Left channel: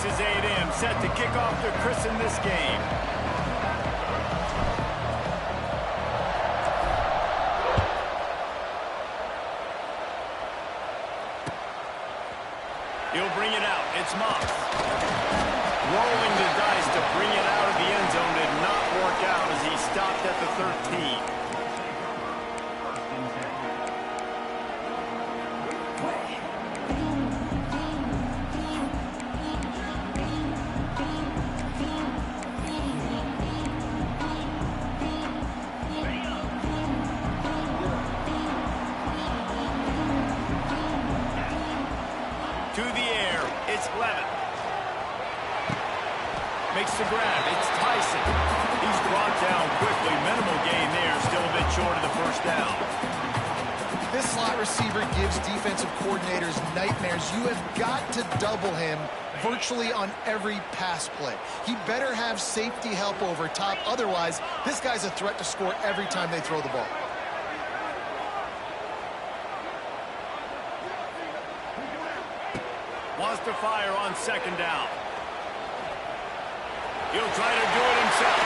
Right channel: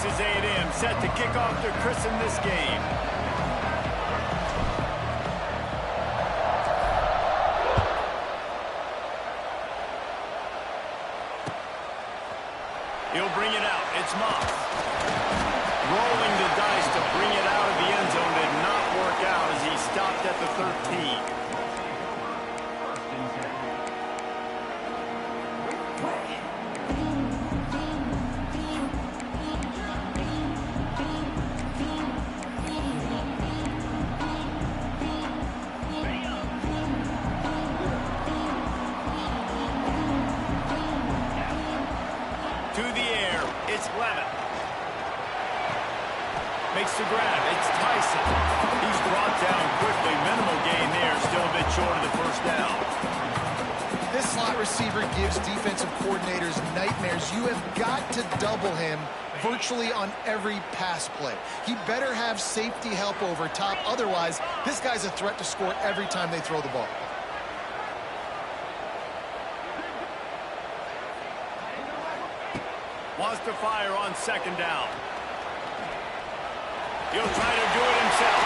Texas A&M set to kick off to christen this game. He'll bring it out. It's Moss. Rolling the dice to bring it out of the end zone did not work out as he stopped at the 13. To the air, it's Levin. Makes the grab, it's Tyson. He's brought down quickly, minimal gain there, still a bit short of the first down. This slot receiver gives defensive coordinators nightmares. You have got to double him virtually on every pass play. He better have safety help over top, otherwise this guy's a threat to score every time they throw the ball. Wants to fire on second down. He'll try to do it himself.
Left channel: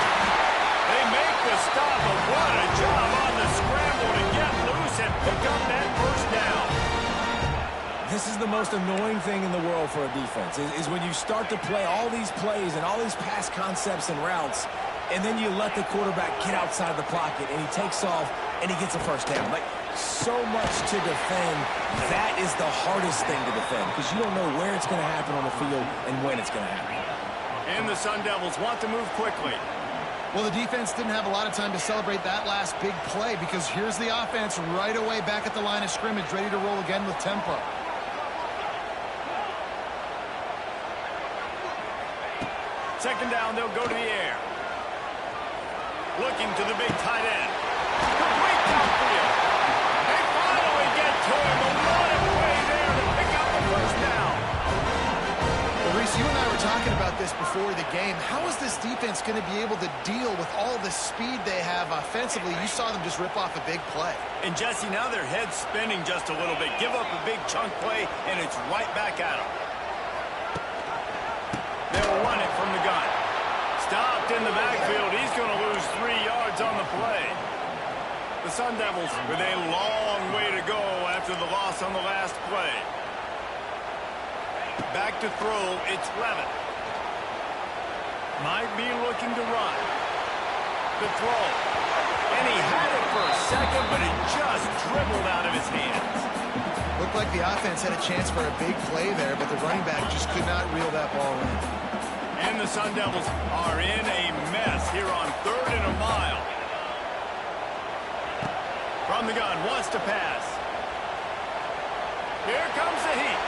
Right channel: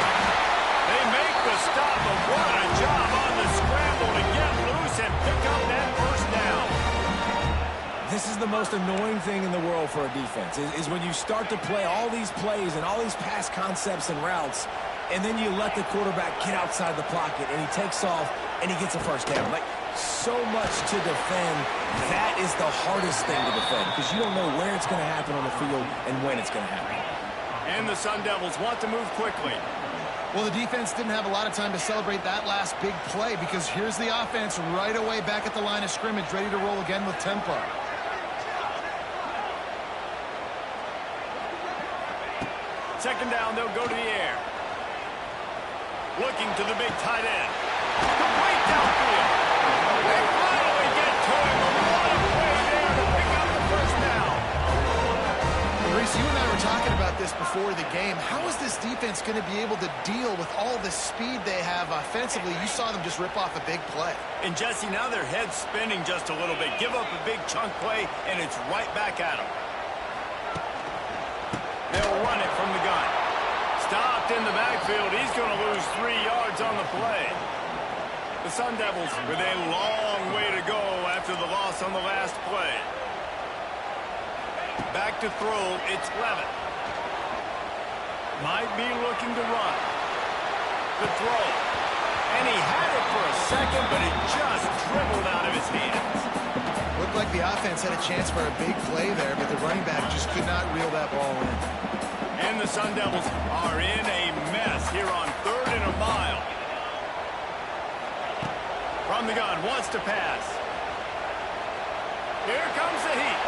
They make the stop, but what a job on the scramble to get loose and pick up that first down. This is the most annoying thing in the world for a defense, is when you start to play all these plays and all these pass concepts and routes, and then you let the quarterback get outside the pocket, and he takes off, and he gets a first down. Like, so much to defend. That is the hardest thing to defend because you don't know where it's going to happen on the field and when it's going to happen. And the Sun Devils want to move quickly. Well, the defense didn't have a lot of time to celebrate that last big play because here's the offense right away back at the line of scrimmage, ready to roll again with tempo. Second down, they'll go to the air. Looking to the big tight end. Complete downfield. They finally get to him. A lot of play there to pick up the first down. Well, Reese, you and I were talking about this before the game. How is this defense going to be able to deal with all the speed they have offensively? You saw them just rip off a big play. And, Jesse, now their head's spinning just a little bit. Give up a big chunk play, and it's right back at them. They'll run it from the gun. Stopped in the backfield. He's going to lose 3 yards on the play. The Sun Devils with a long way to go after the loss on the last play. Back to throw, it's Levin. Might be looking to run. The throw. And he had it for a second, but it just dribbled out of his hands. Looked like the offense had a chance for a big play there, but the running back just could not reel that ball in. And the Sun Devils are in a mess here on 3rd and a mile. From the gun, wants to pass. Here comes the heat.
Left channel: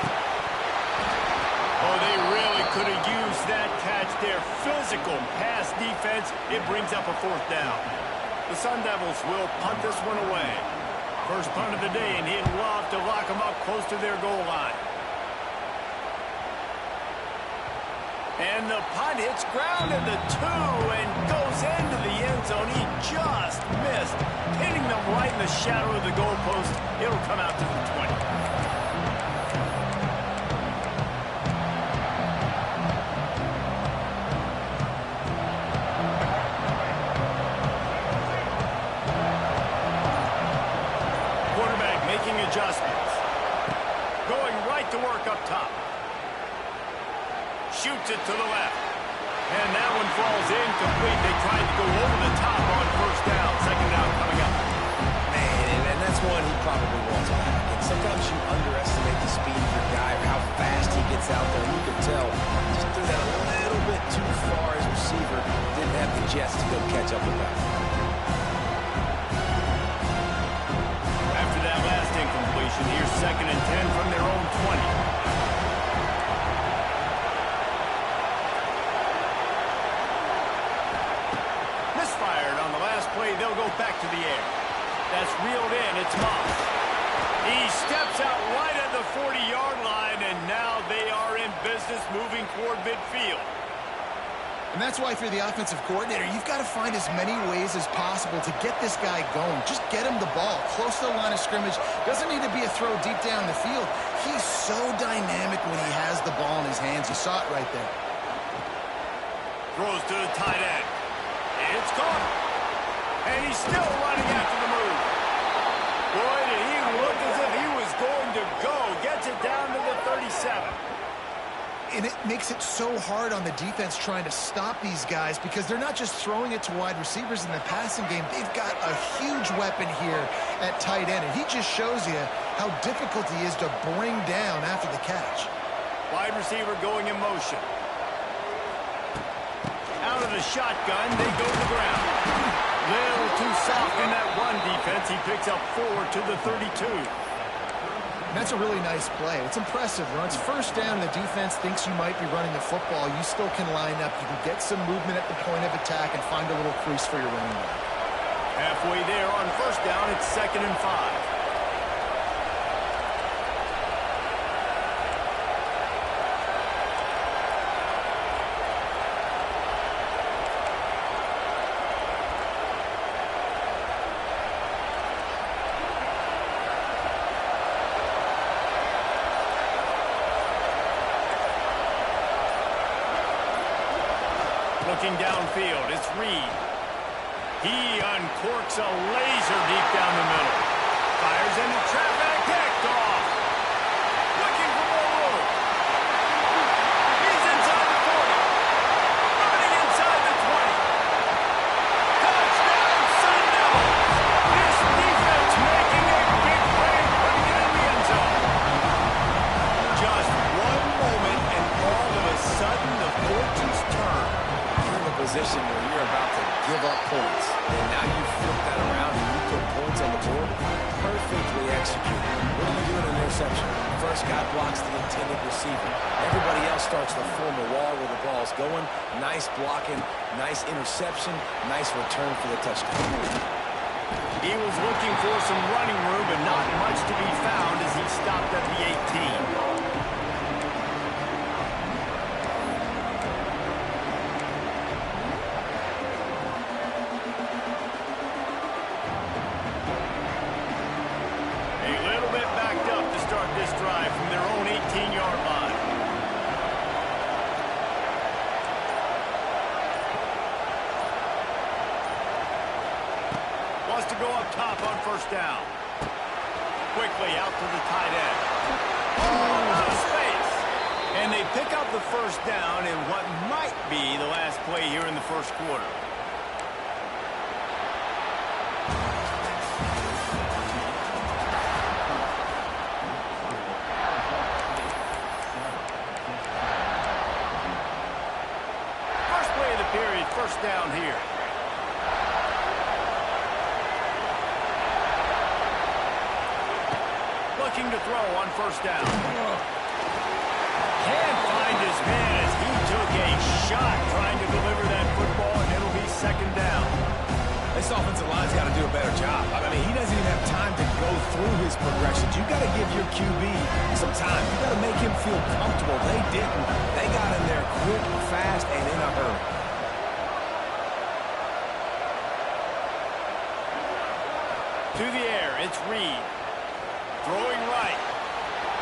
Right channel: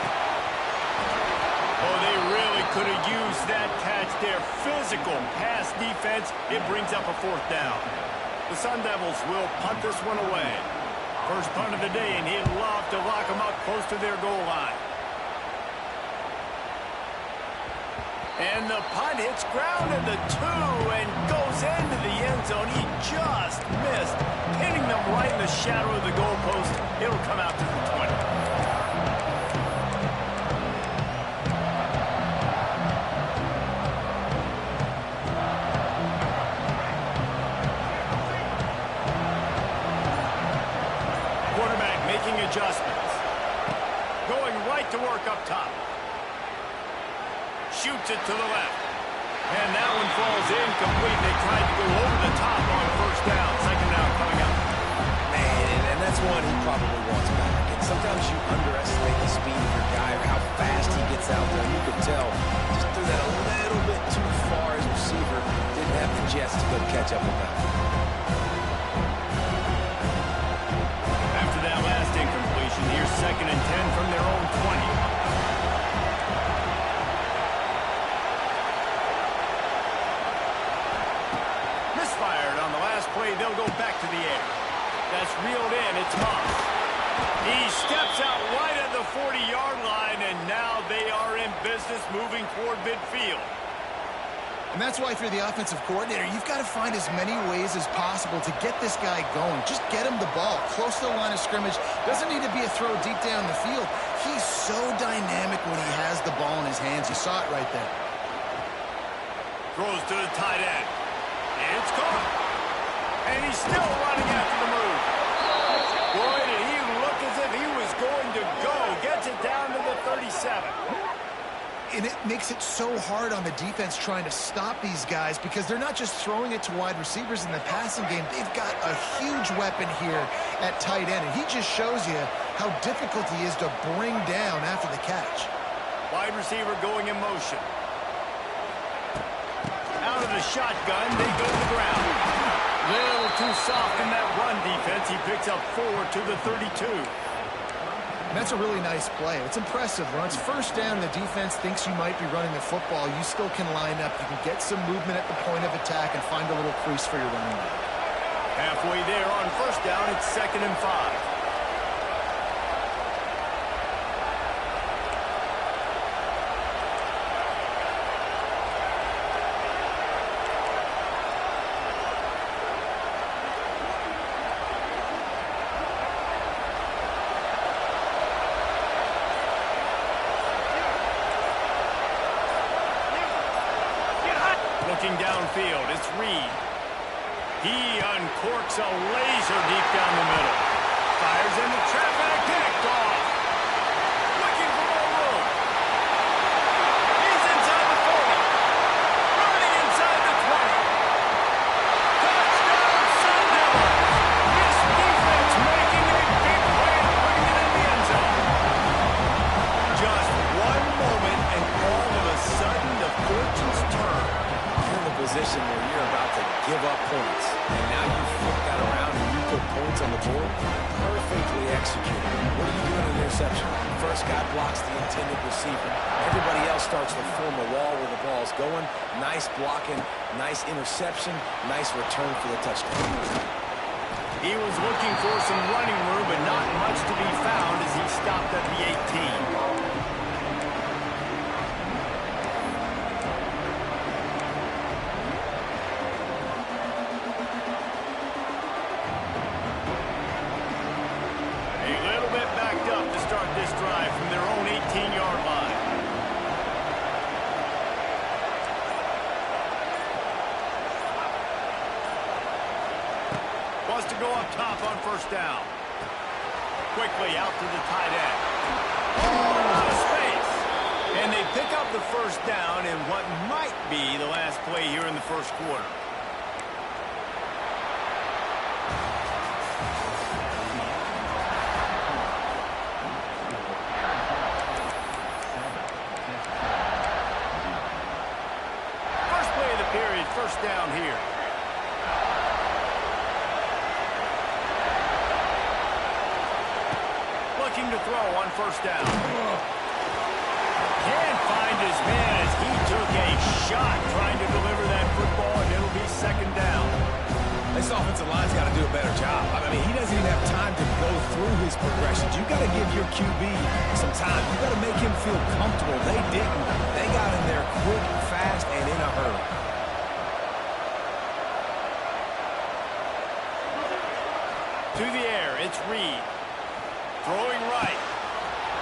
Oh, they really could have used that catch there. Physical pass defense. It brings up a 4th down. The Sun Devils will punt this one away. First punt of the day, and he'd love to lock them up close to their goal line. And the punt hits ground at the 2 and goes into the end zone. He just missed, hitting them right in the shadow of the goalpost. It'll come out to the 20. Quarterback making adjustments. Going right to work up top. Shoots it to the left. And that one falls incomplete. They tried to go over the top on first down. Second down coming up. Man, and that's one he probably wants back. And sometimes you underestimate the speed of your guy or how fast he gets out there. And you could tell just threw that a little bit too far. His receiver didn't have the jets to go catch up with that. After that last incompletion, here's 2nd and 10 from their own 20. Misfired on the last play. They'll go back to the air. That's reeled in. It's Moss. He steps out right at the 40-yard line, and now they are in business moving toward midfield. And that's why if you're the offensive coordinator, you've got to find as many ways as possible to get this guy going. Just get him the ball close to the line of scrimmage. Doesn't need to be a throw deep down the field. He's so dynamic when he has the ball in his hands. You saw it right there. Throws to the tight end. It's caught. And he's still running after the move. Boy, did he look as if he was going to go. Gets it down to the 37. And it makes it so hard on the defense trying to stop these guys because they're not just throwing it to wide receivers in the passing game. They've got a huge weapon here at tight end, and he just shows you how difficult he is to bring down after the catch. Wide receiver going in motion. Out of the shotgun, they go to the ground. Little too soft in that run defense. He picks up 4 to the 32. That's a really nice play. It's impressive. Runs first down, and the defense thinks you might be running the football. You still can line up. You can get some movement at the point of attack and find a little crease for your running back. Halfway there on first down, it's 2nd and 5. Looking downfield, it's Reed. He uncorks a laser deep down the middle. Fires into traffic, picked off. Looking for more room. He's inside the 40. Running inside the 20. Touchdown, Sun Devils. This defense making a big play and putting it in the end zone. Just one moment and all of a sudden the fortunes turn. Position where you're about to give up points, and now you flip that around and you put points on the board. Perfectly executed. What do you do in an interception? First guy blocks the intended receiver. Everybody else starts to form a wall where the ball's going. Nice blocking, nice interception, nice return for the touchdown. He was looking for some running room, but not much to be found as he stopped at the 18. Start this drive from their own 18-yard line. Wants to go up top on first down. Quickly out to the tight end. Oh, out of space. And they pick up the first down in what might be the last play here in the first quarter. Period, first down here. Looking to throw on first down. Can't find his man as he took a shot trying to deliver that football, and it'll be 2nd down. This offensive line's got to do a better job. I mean, he doesn't even have time to go through his progressions. You've got to give your QB some time. You've got to make him feel comfortable. They didn't. They got in there quick, fast, and in a hurry. To the air, it's Reed. Throwing right.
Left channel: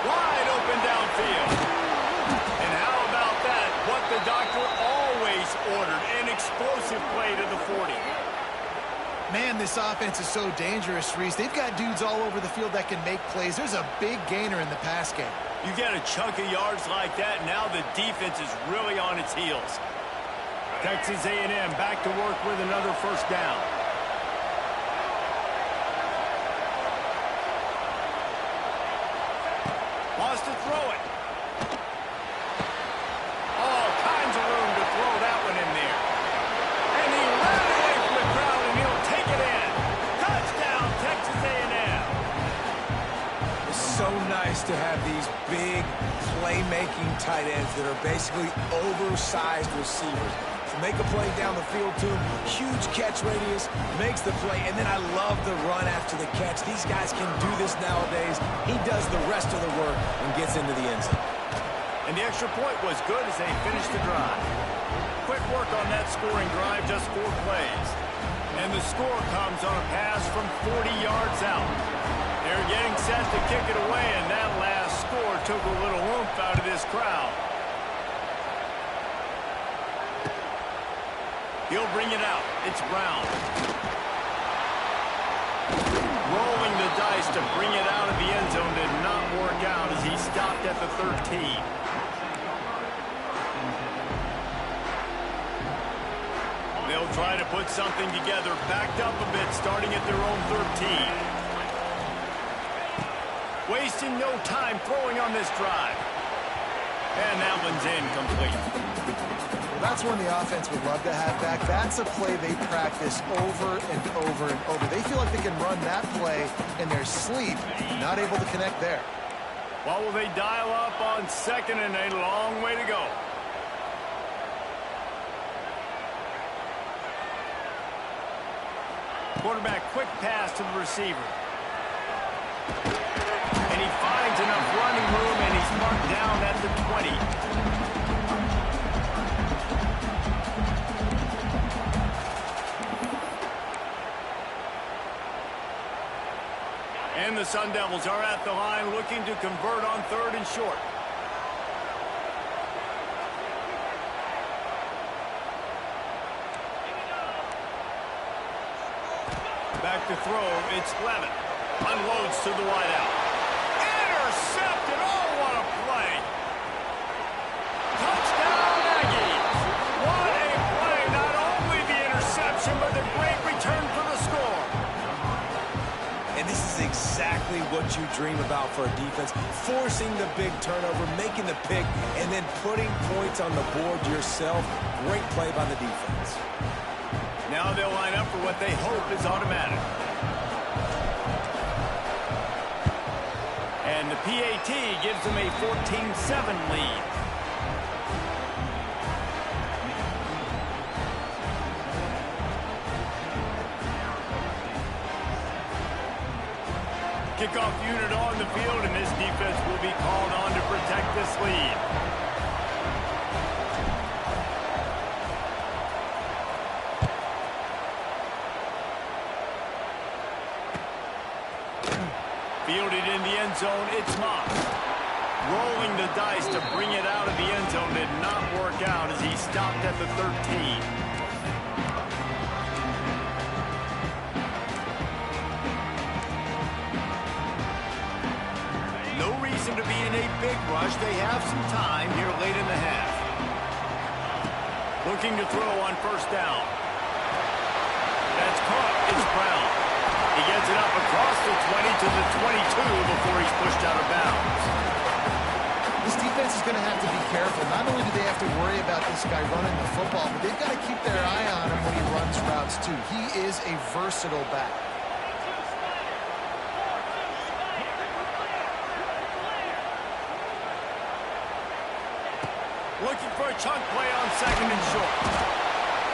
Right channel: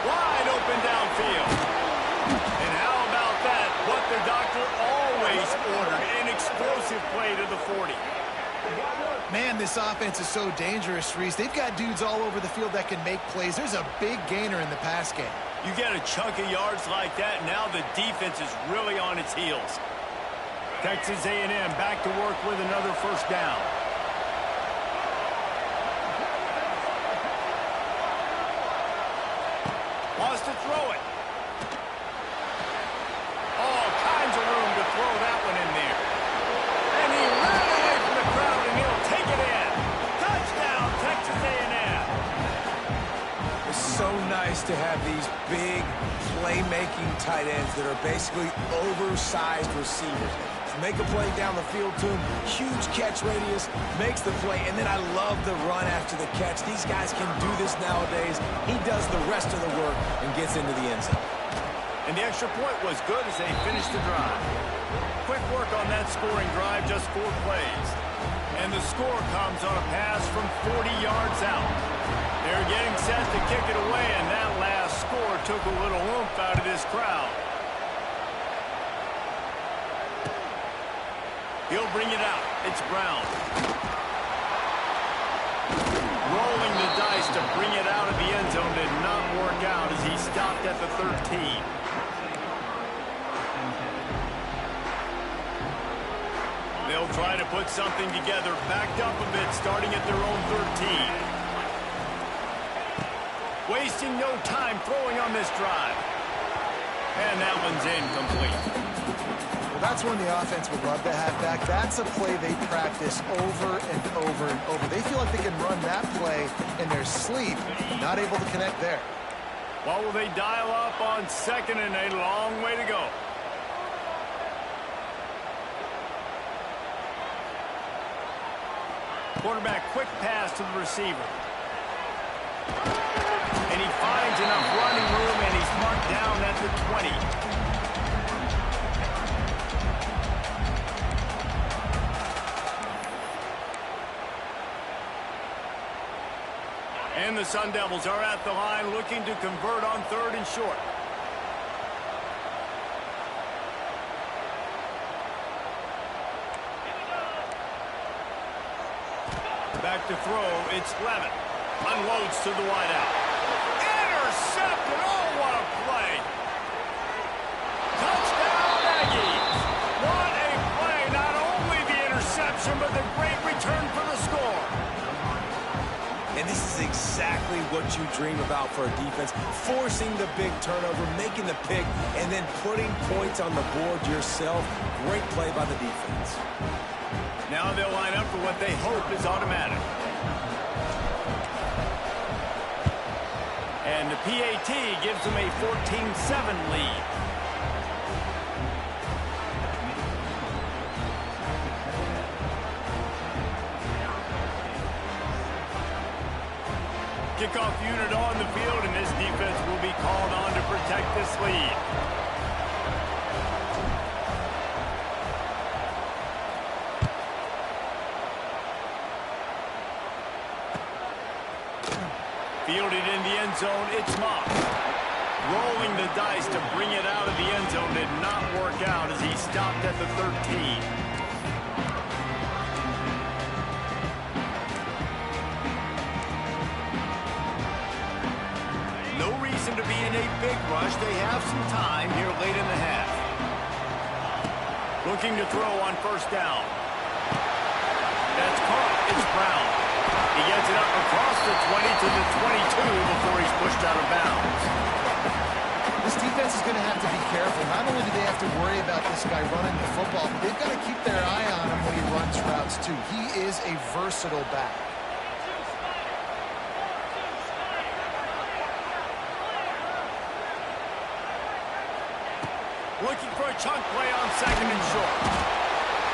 Wide open downfield. And how about that? What the doctor always ordered. An explosive play to the 40. Man, this offense is so dangerous, Reese. They've got dudes all over the field that can make plays. There's a big gainer in the pass game. You get a chunk of yards like that, now the defense is really on its heels. Texas A&M back to work with another first down. Wants to throw it. All kinds of room to throw that one in there. And he ran away from the crowd, and he'll take it in. Touchdown, Texas A&M. It's so nice to have these big playmaking tight ends that are basically oversized receivers. Make a play down the field to him, huge catch radius, makes the play, and then I love the run after the catch. These guys can do this nowadays. He does the rest of the work and gets into the end zone. And the extra point was good as they finished the drive. Quick work on that scoring drive, just 4 plays. And the score comes on a pass from 40 yards out. They're getting set to kick it away, and that last score took a little oomph out of this crowd. He'll bring it out. It's Brown. Rolling the dice to bring it out of the end zone did not work out as he stopped at the 13. They'll try to put something together, backed up a bit, starting at their own 13. Wasting no time throwing on this drive. And that one's incomplete. Well, that's one the offense would love to have back. That's a play they practice over and over and over. They feel like they can run that play in their sleep, not able to connect there. What will they dial up on second and a long way to go? Quarterback quick pass to the receiver. And he finds enough running room, and he's marked down at the 20. And the Sun Devils are at the line looking to convert on 3rd and short. Back to throw, it's Levin. Unloads to the wideout. Intercepted, oh, what a play. Touchdown, Aggies. What a play, not only the interception, but the great return for the score. And this is exactly what you dream about for a defense, forcing the big turnover, making the pick, and then putting points on the board yourself. Great play by the defense. Now they'll line up for what they hope is automatic. And the PAT gives them a 14-7 lead. Kickoff unit on the field, and this defense will be called on to protect this lead. Fielded in the end zone, it's Moss. Rolling the dice to bring it out of the end zone did not work out as he stopped at the 13. No reason to be in a big rush. They have some time here late in the half. Looking to throw on 1st down. That's caught. It's Brown. He gets it up across the 20 to the 22 before he's pushed out of bounds. This defense is going to have to be careful. Not only do they have to worry about this guy running the football, but they've got to keep their eye on him when he runs routes, too. He is a versatile back. Looking for a chunk play on 2nd and short.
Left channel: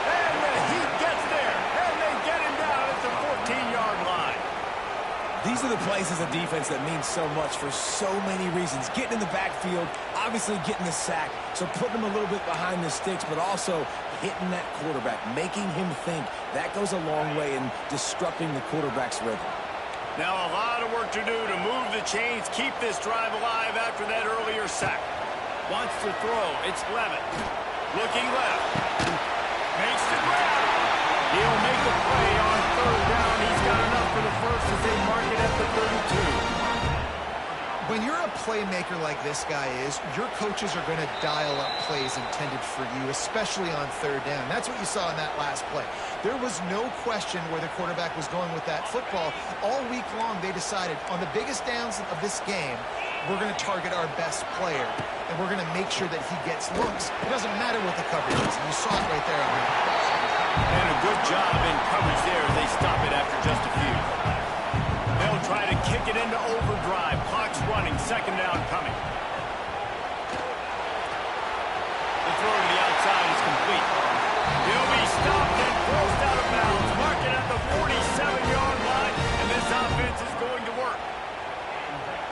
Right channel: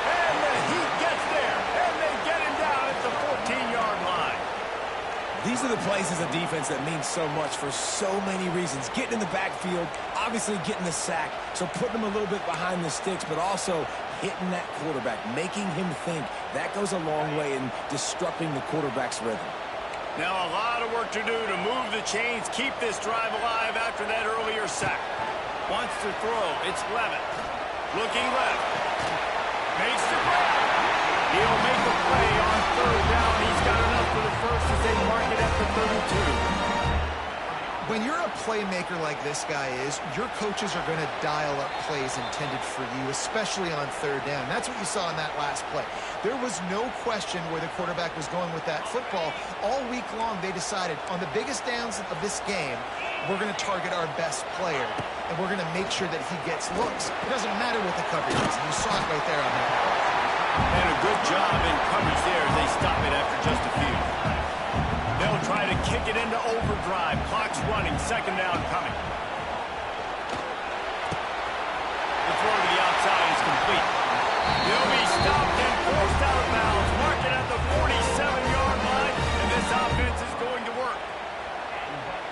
And the Heat gets there. And they get him down at the 14-yard line. These are the plays as a defense that mean so much for so many reasons. Getting in the backfield, obviously getting the sack, so putting him a little bit behind the sticks, but also hitting that quarterback, making him think. That goes a long way in disrupting the quarterback's rhythm. Now a lot of work to do to move the chains, keep this drive alive after that earlier sack. Wants to throw. It's Levin. Looking left. Makes the grab. He'll make a play on 3rd down. He's got enough for the first as they mark it at the 32. When you're a playmaker like this guy is, your coaches are going to dial up plays intended for you, especially on 3rd down. That's what you saw in that last play. There was no question where the quarterback was going with that football. All week long, they decided on the biggest downs of this game, we're going to target our best player, and we're going to make sure that he gets looks. It doesn't matter what the coverage is, and you saw it right there on that. And a good job in coverage there as they stop it after just a few. They'll try to kick it into overdrive. Clock's running. 2nd down coming. The throw to the outside is complete. He'll be stopped and forced out of bounds. Mark it at the 47-yard line, and this offense is going to work.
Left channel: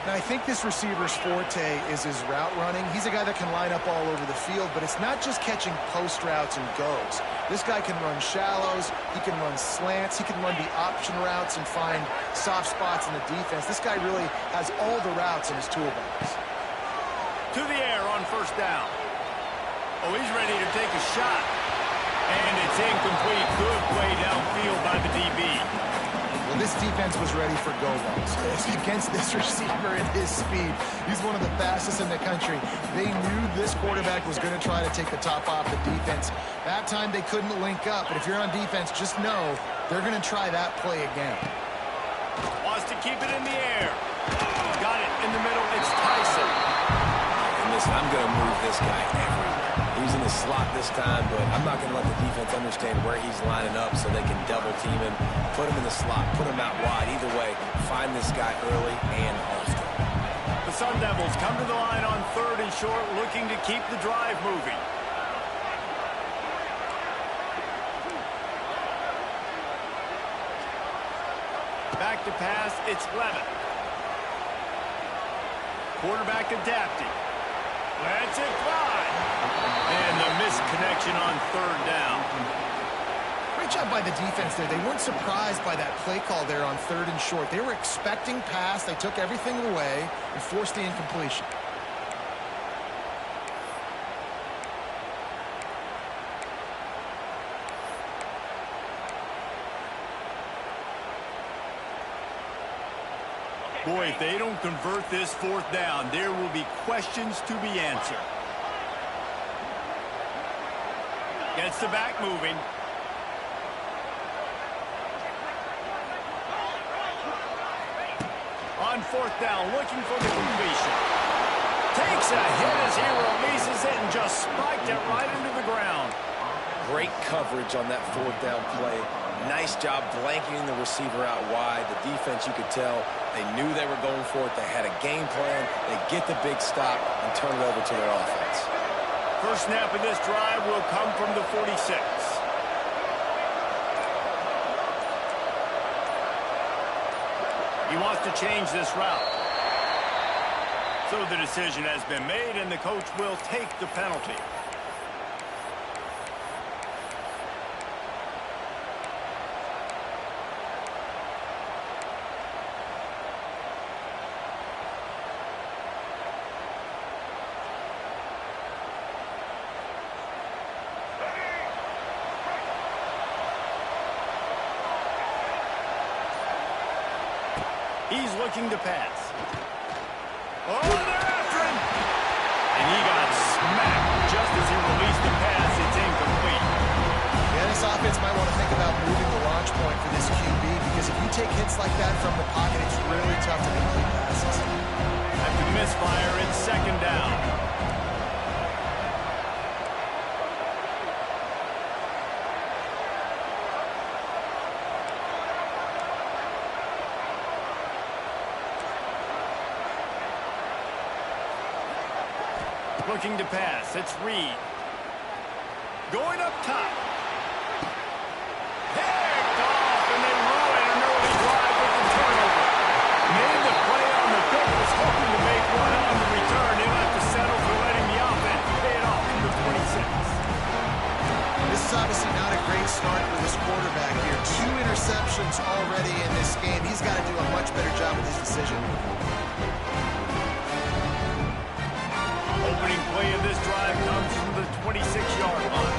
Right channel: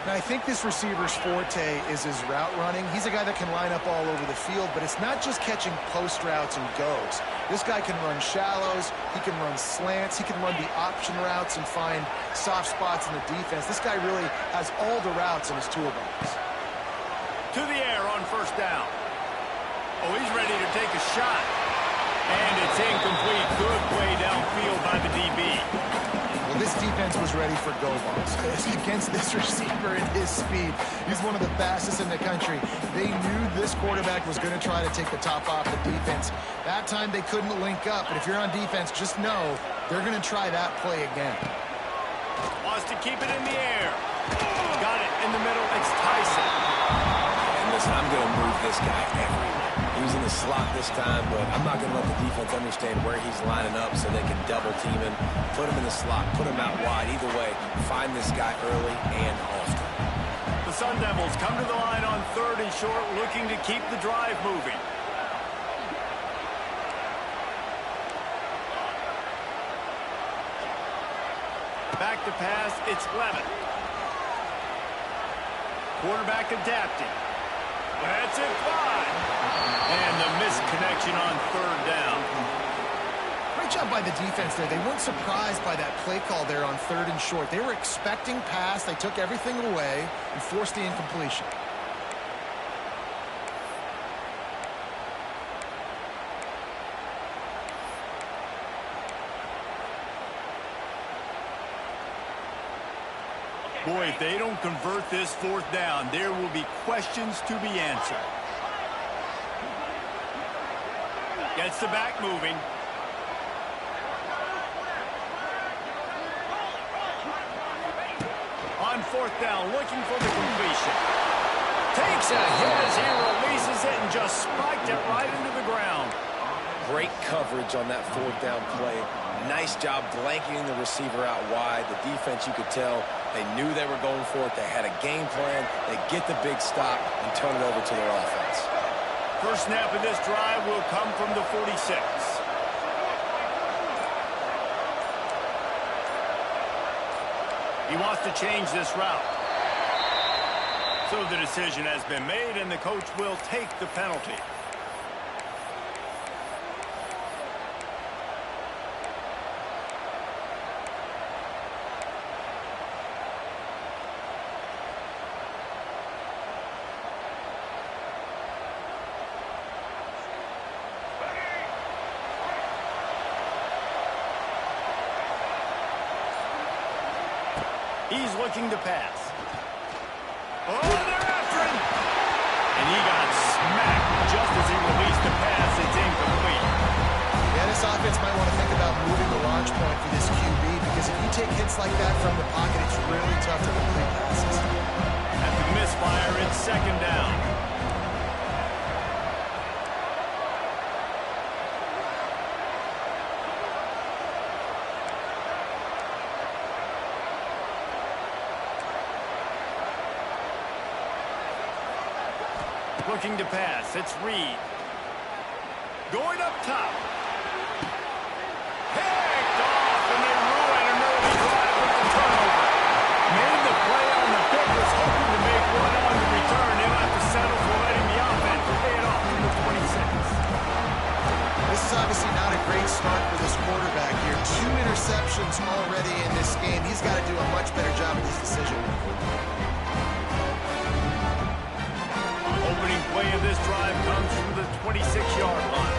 Now, I think this receiver's forte is his route running. He's a guy that can line up all over the field, but it's not just catching post routes and goes. This guy can run shallows, he can run slants, he can run the option routes and find soft spots in the defense. This guy really has all the routes in his toolbox. To the air on first down. Oh, he's ready to take a shot. And it's incomplete. Good play downfield by the DB. Well, this defense was ready for go balls. Against this receiver at his speed, he's one of the fastest in the country. They knew this quarterback was going to try to take the top off the defense. That time they couldn't link up, but if you're on defense, just know they're going to try that play again. Wants to keep it in the air. Got it in the middle. It's Tyson. And listen, I'm going to move this guy everywhere. He's in the slot this time, but I'm not going to let the defense understand where he's lining up so they can double team him, put him in the slot, put him out wide. Either way, find this guy early and often. The Sun Devils come to the line on 3rd and short, looking to keep the drive moving. Back to pass, it's Levin. Quarterback adapting. Lets it fly. And the missed connection on 3rd down. Great job by the defense there. They weren't surprised by that play call there on 3rd and short. They were expecting pass. They took everything away and forced the incompletion. Boy, if they don't convert this 4th down, there will be questions to be answered. Gets the back moving. On 4th down, looking for the completion. Takes a hit as he releases it and just spiked it right into the ground. Great coverage on that 4th down play. Nice job blanketing the receiver out wide. The defense, you could tell, they knew they were going for it. They had a game plan. They get the big stop and turn it over to their offense. First snap of this drive will come from the 46. He wants to change this route. So the decision has been made, and the coach will take the penalty. He's looking to pass. Oh, they're after him! And he got smacked just as he released the pass. It's incomplete. Yeah, this offense might want to think about moving the launch point for this QB, because if you take hits like that from the pocket, it's really tough to complete passes. After the misfire, it's 2nd down. Looking to pass. It's Reed. Going up top. Picked off, and they ruin an early drive with the turnover. Made the play on the pick, was hoping to make one on the return. He'll have to settle for letting the offense pay it off from the 26. This is obviously not a great start for this quarterback here. 2 interceptions already in this game. He's got to do a much better job with his decision. Opening play of this drive comes from the 26-yard line.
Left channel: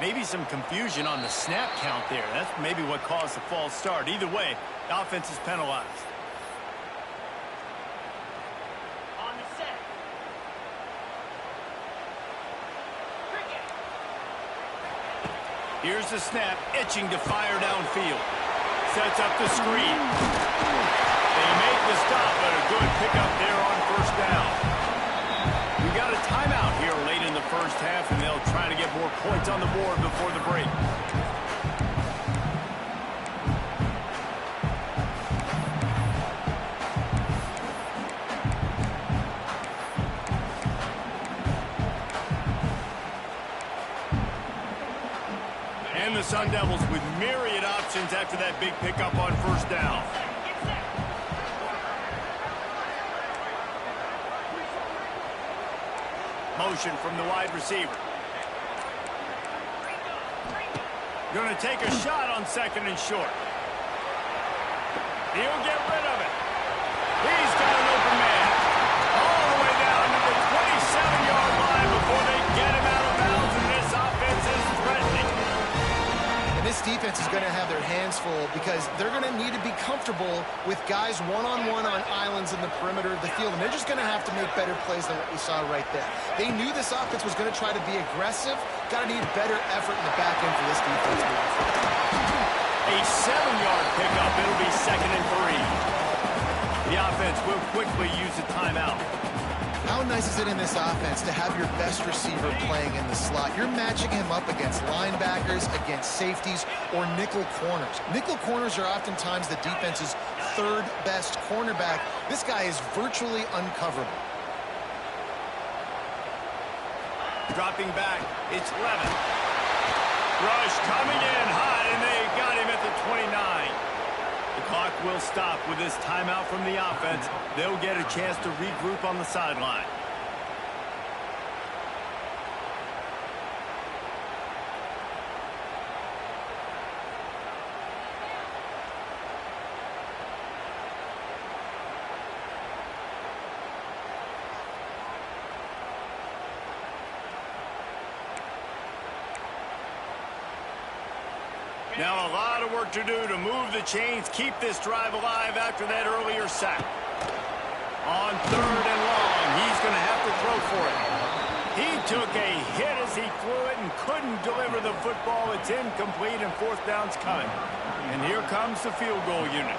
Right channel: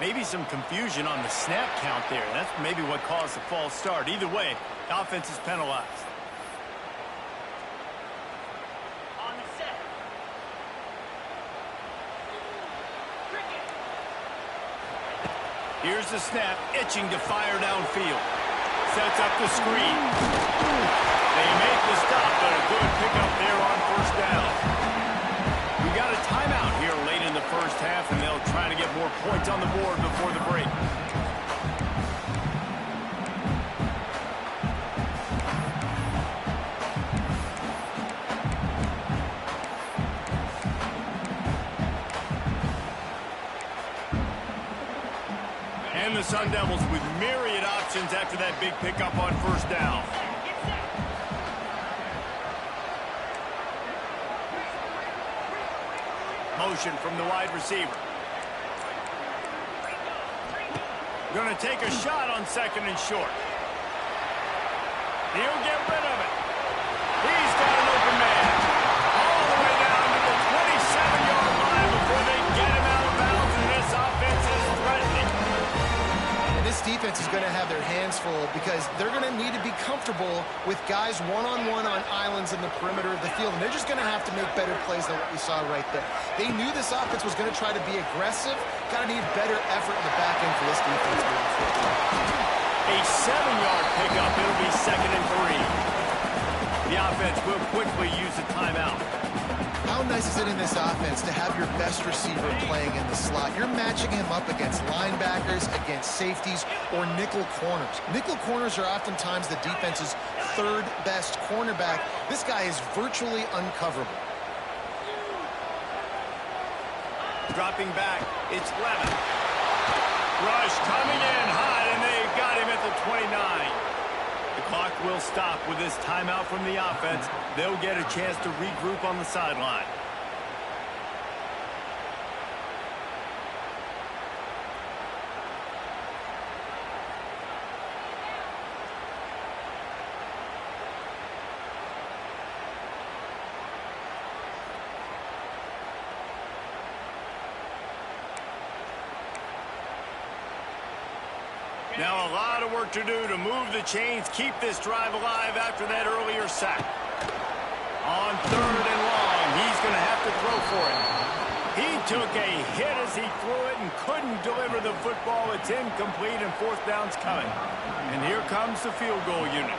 Maybe some confusion on the snap count there. That's maybe what caused the false start. Either way, the offense is penalized. On the set. Cricket. Here's the snap, itching to fire downfield. Sets up the screen. They make the stop, but a good pickup there on 1st down. We got a timeout here late in the 1st half, and they'll try to get more points on the board before the break. And the Sun Devils with myriad options after that big pickup on first down. Get set. Motion from the wide receiver. Going to take a shot on second and short. He'll get rid of it. He's got an open man. All the way down to the 27-yard line before they get him out of bounds, and this offense is threatening. And this defense is going to have their hands full because they're going to need to be comfortable with guys one-on-one on islands in the perimeter of the field, and they're just going to have to make better plays than what we saw right there. They knew this offense was going to try to be aggressive. Got to need better effort in the back end for this defense moving forward. A 7-yard pickup. It'll be 2nd and 3. The offense will quickly use a timeout. How nice is it in this offense to have your best receiver playing in the slot? You're matching him up against linebackers, against safeties, or nickel corners. Nickel corners are oftentimes the defense's third best cornerback. This guy is virtually uncoverable. Dropping back, it's Levin. Rush coming in hot, and they got him at the 29. The clock will stop with this timeout from the offense. They'll get a chance to regroup on the sideline. Now a lot of work to do to move the chains, keep this drive alive after that earlier sack. On 3rd and long, he's going to have to throw for it. He took a hit as he threw it and couldn't deliver the football. It's incomplete, and 4th down's coming. And here comes the field goal unit.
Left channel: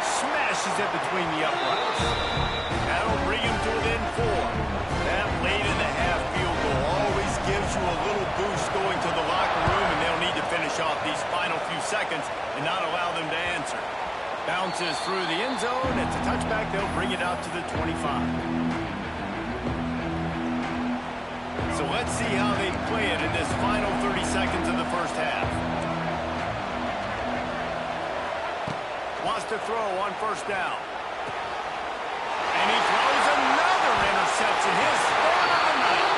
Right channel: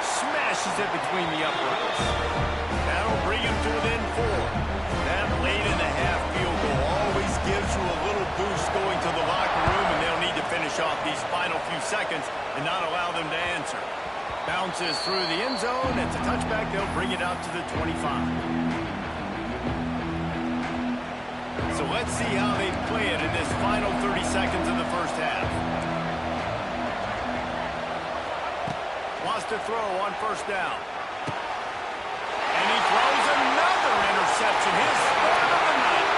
Smashes it between the uprights. That'll bring him to within 4. That late in the half field goal always gives you a little boost going to the locker room, and they'll need to finish off these final few seconds and not allow them to answer. Bounces through the end zone. It's a touchback. They'll bring it out to the 25. So let's see how they play it in this final 30 seconds of the first half. Wants to throw on first down. And he throws another interception, his 3rd of the night.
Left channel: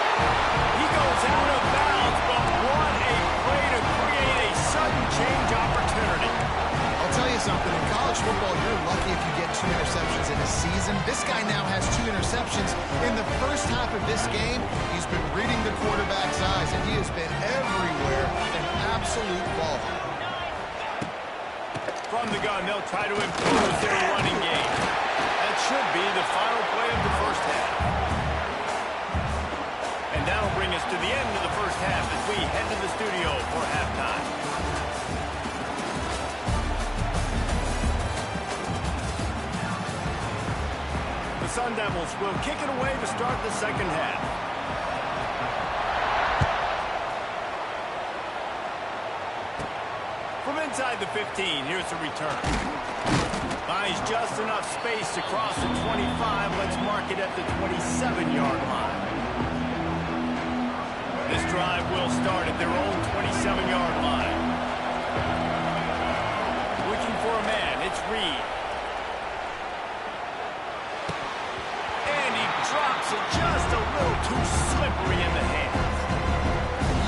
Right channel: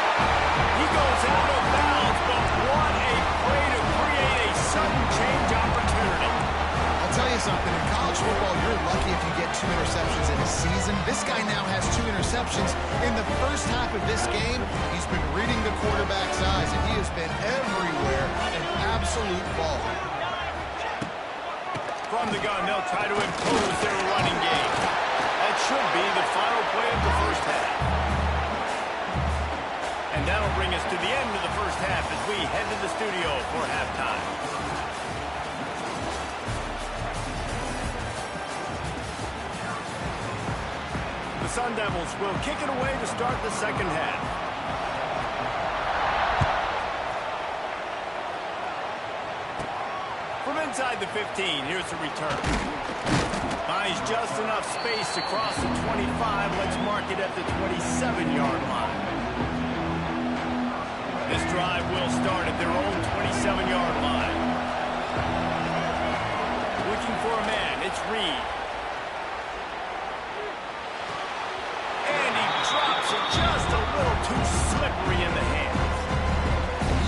He goes out of bounds, but what a play to create a sudden change opportunity. I'll tell you something, in college football, you're lucky if you get 2 interceptions in a season. This guy now has 2 interceptions. In the first half of this game, he's been reading the quarterback's eyes, and he has been everywhere, an absolute ball. From the gun, they'll try to impose their running game. That should be the final play of the first half. And that'll bring us to the end of the first half as we head to the studio for halftime. The Sun Devils will kick it away to start the second half. From inside the 15, here's the return. Finds just enough space to cross the 25. Let's mark it at the 27-yard line. This drive will start at their own 27-yard line. Looking for a man, it's Reed. And he drops it just a little too slippery in the hands.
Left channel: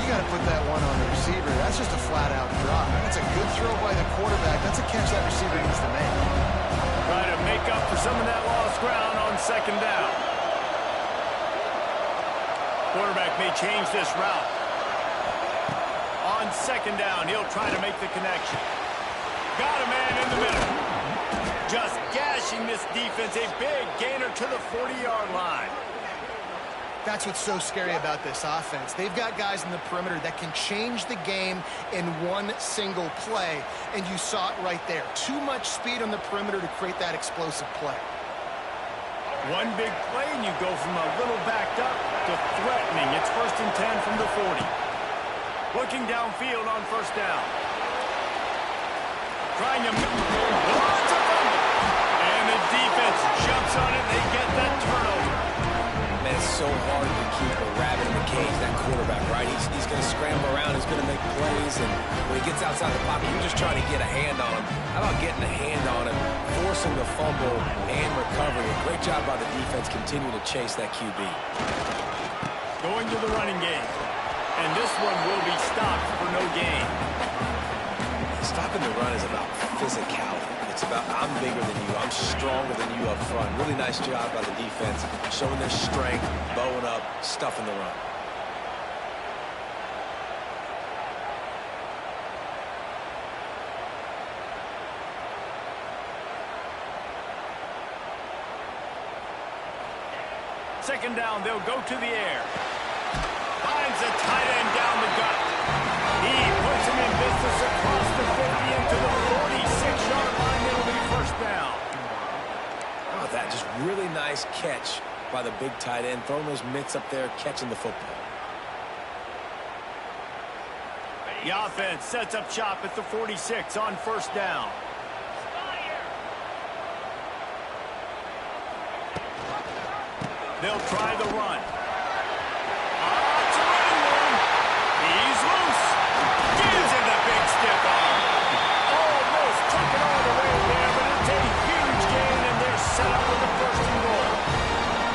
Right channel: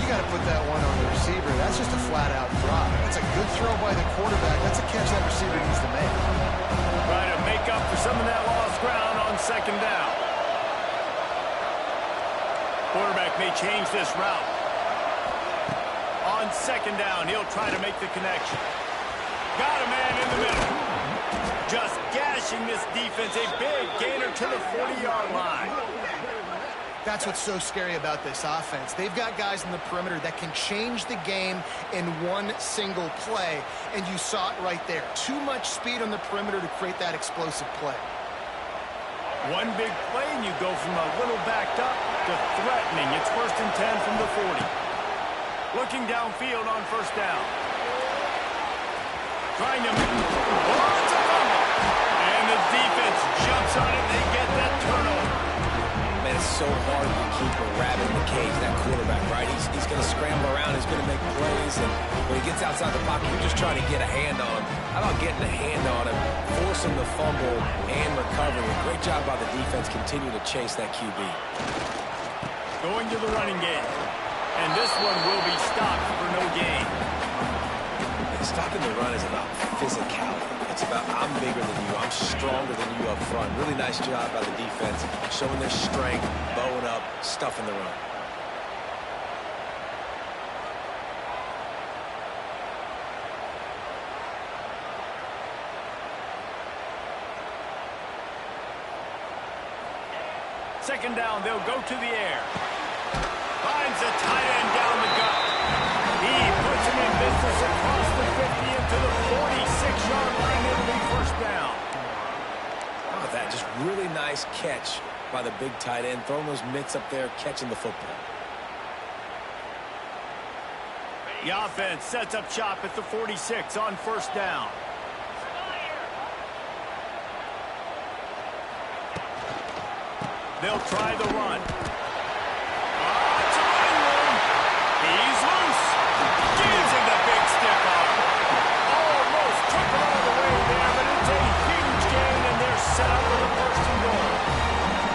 You got to put that one on the receiver. That's just a flat-out drop. That's a good throw by the quarterback. That's a catch that receiver needs to make. Try to make up for some of that lost ground on second down. Quarterback may change this route. On second down, he'll try to make the connection. Got a man in the middle. Just gashing this defense. A big gainer to the 40-yard line. That's what's so scary about this offense. They've got guys in the perimeter that can change the game in one single play, and you saw it right there. Too much speed on the perimeter to create that explosive play. One big play, and you go from a little backed up to threatening. It's 1st and 10 from the 40. Looking downfield on first down. Trying to... Oh, it's a fumble! And the defense jumps on it, and they get that turnover. Man, is so hard to keep a rabbit in the cage, that quarterback, right? He's going to scramble around. He's going to make plays. And when he gets outside the pocket, you're just trying to get a hand on him. How about getting a hand on him, forcing the fumble and recovery? A great job by the defense continuing to chase that QB. Going to the running game. And this one will be stopped for no gain. Stopping the run is about physicality. It's about I'm bigger than you, I'm stronger than you up front. Really nice job by the defense, showing their strength, bowing up, stuffing the run. Second down, they'll go to the air. Finds a tight end down the gut. He puts him in business across the 50 into the 46-yard line. It'll be first down. How about that? Just really nice catch by the big tight end, throwing those mitts up there, catching the football. The offense sets up shop at the 46 on first down. They'll try the run. It's a running room. He's loose. Gives him the big stiff arm. Almost took it all the way there, but it's a huge gain, and they're set up with a first and goal.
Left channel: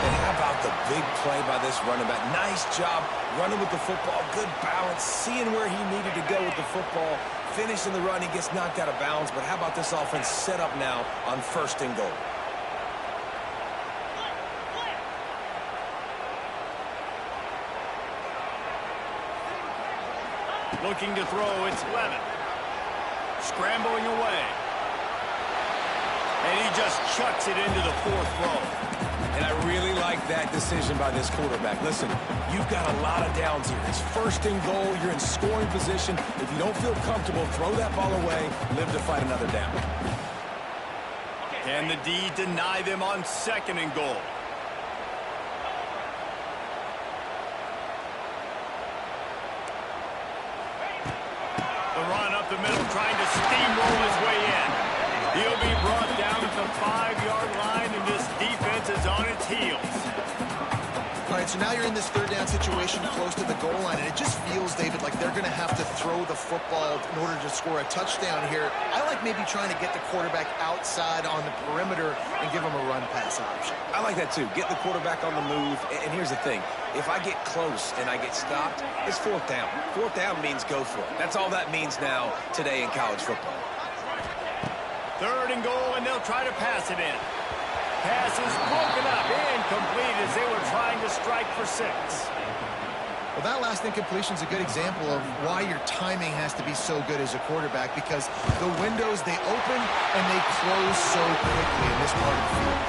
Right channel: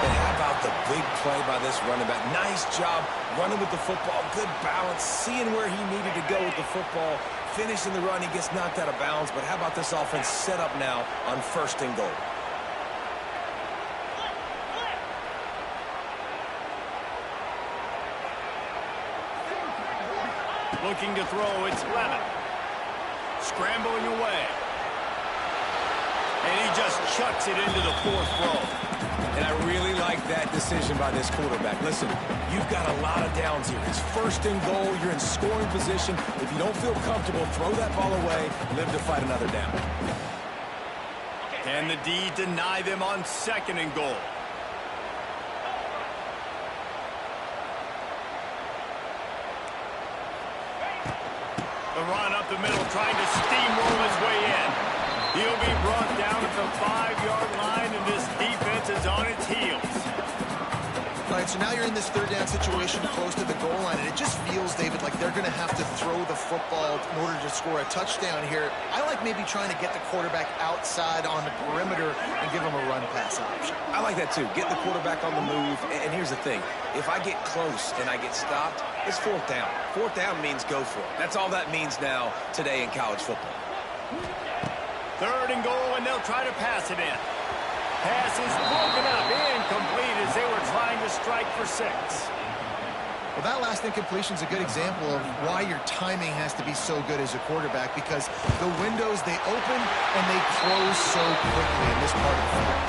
And how about the big play by this running back? Nice job running with the football. Good balance, seeing where he needed to go with the football. Finishing the run, he gets knocked out of bounds. But how about this offense set up now on first and goal? Looking to throw, it's Lemon. Scrambling away. And he just chucks it into the fourth row. And I really like that decision by this quarterback. Listen, you've got a lot of downs here. It's first and goal. You're in scoring position. If you don't feel comfortable, throw that ball away. Live to fight another down. Can the D deny them on second and goal? The run up the middle, trying to steamroll his way in. He'll be brought down at the 5-yard line, and this defense is on its heels. All right, so now you're in this third down situation close to the goal line, and it just feels, David, like they're going to have to throw the football in order to score a touchdown here. I like maybe trying to get the quarterback outside on the perimeter and give him a run-pass option. I like that, too. Get the quarterback on the move. And here's the thing. If I get close and I get stopped, it's fourth down. Fourth down means go for it. That's all that means now today in college football. Third and goal, and they'll try to pass it in. Pass is broken up, incomplete as they were trying to strike for 6. Well, that last incompletion is a good example of why your timing has to be so good as a quarterback, because the windows, they open and they close so quickly in this part of the field.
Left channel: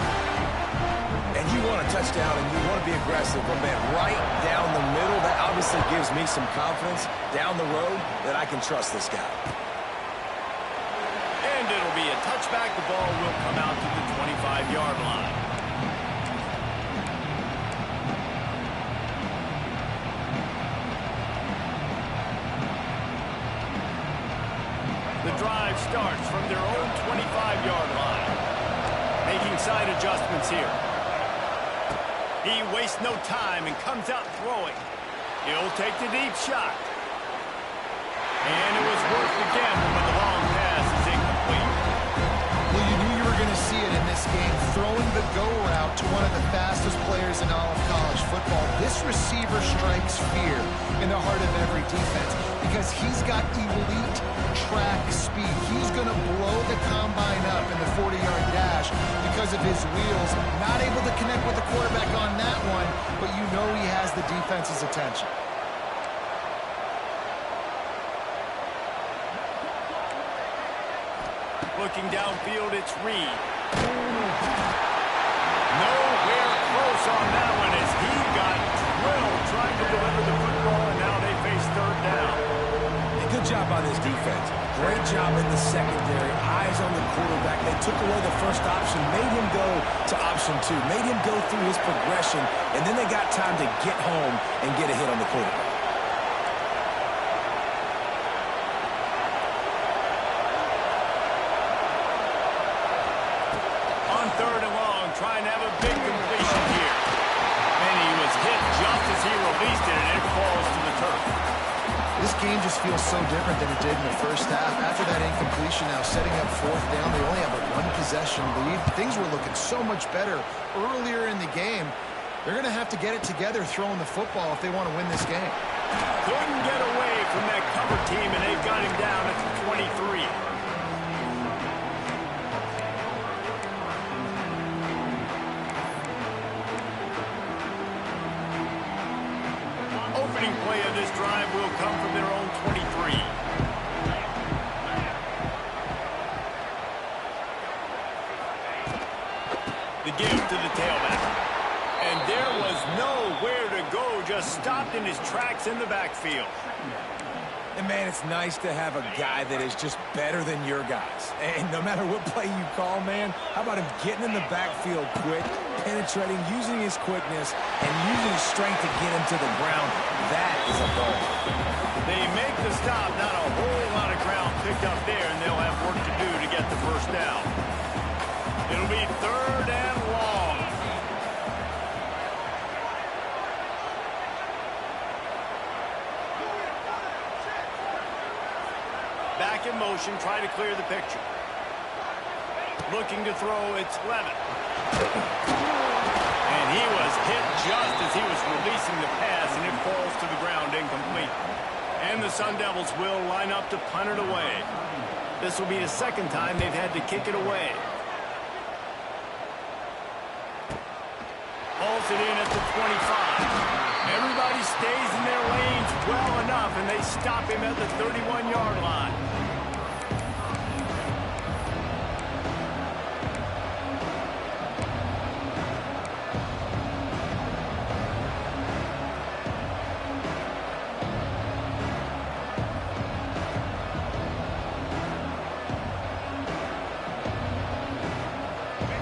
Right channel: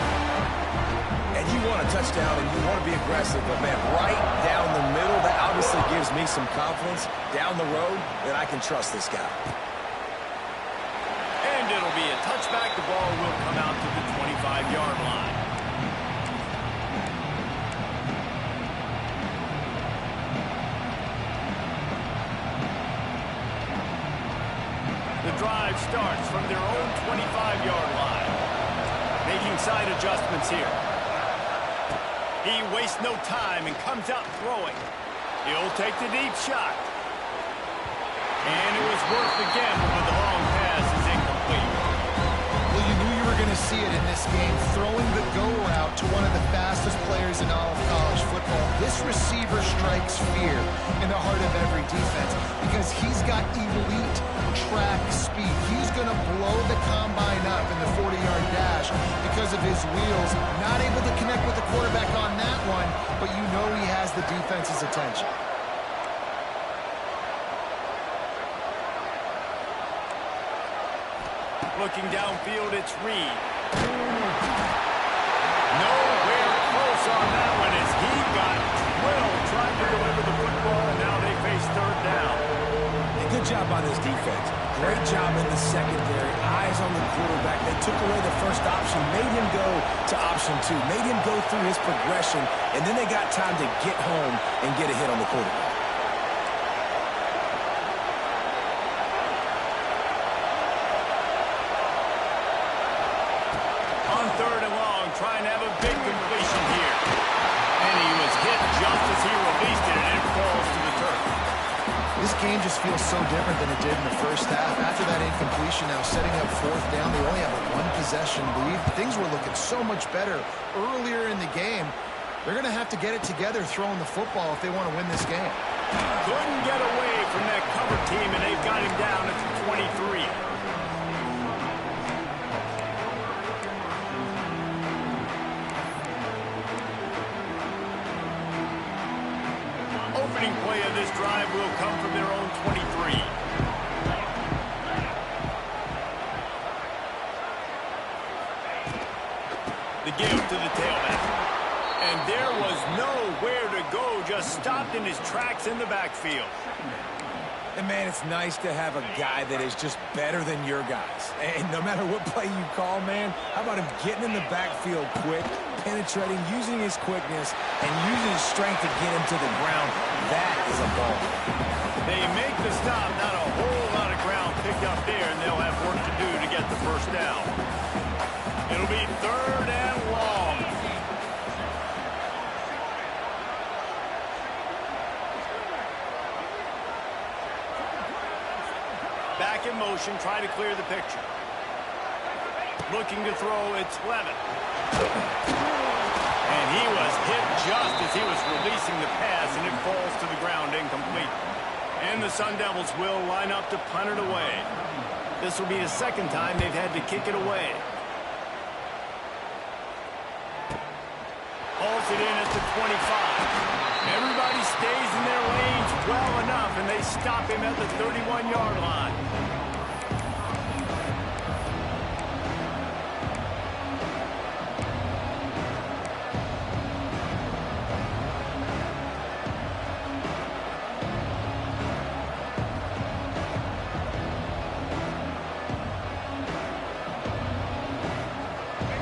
And you want a touchdown and you want to be aggressive, but, man, right down the middle, that obviously gives me some confidence down the road that I can trust this guy. And it'll be a touchback. The ball will come out to the 25-yard line. The drive starts from their own 25-yard line. Making side adjustments here. He wastes no time and comes out throwing. He'll take the deep shot. And it was worth the gamble, but the long pass is incomplete. Well, you knew you were going to see it in this game, throwing the go route to one of the fastest players in all of college football. This receiver strikes fear in the heart of every defense because he's got elite track speed. He's going to blow the combine up in the 40-yard dash because of his wheels. Not able to connect with the quarterback on that one, but you know he has the defense's attention. Looking downfield, it's Reed. Nowhere close on that one as he got drilled trying to deliver the football, and now they face third down. And good job by this defense. Great job in the secondary. Eyes on the quarterback. They took away the first option, made him go to option 2, made him go through his progression, and then they got time to get home and get a hit on the quarterback. On third and long, trying to have a big completion here. And he was just as he released it, and it falls to the turf. This game just feels so different than it did in the first half. After that incompletion, now setting up fourth down, they only have a one-possession lead. Things were looking so much better earlier in the game. They're going to have to get it together throwing the football if they want to win this game. Couldn't get away from that cover team, and they've got him down at the 23. Opening play of this drive will come from their own 23. The give to the tailback. And there was nowhere to go, just stopped in his tracks in the backfield. And, man, it's nice to have a guy that is just better than your guys. And no matter what play you call, man, how about him getting in the backfield quick, penetrating, using his quickness, and using his strength to get him to the ground. That is a ball. They make the stop, not a whole lot of ground picked up there, and they'll have work to do to get the first down. It'll be 3rd and long. Back in motion, try to clear the picture. Looking to throw, it's Levin. And he was hit just as he was releasing the pass, and it falls to the ground incomplete. And the Sun Devils will line up to punt it away. This will be the second time they've had to kick it away. Hauls it in at the 25. Everybody stays in their lanes well enough, and they stop him at the 31-yard line.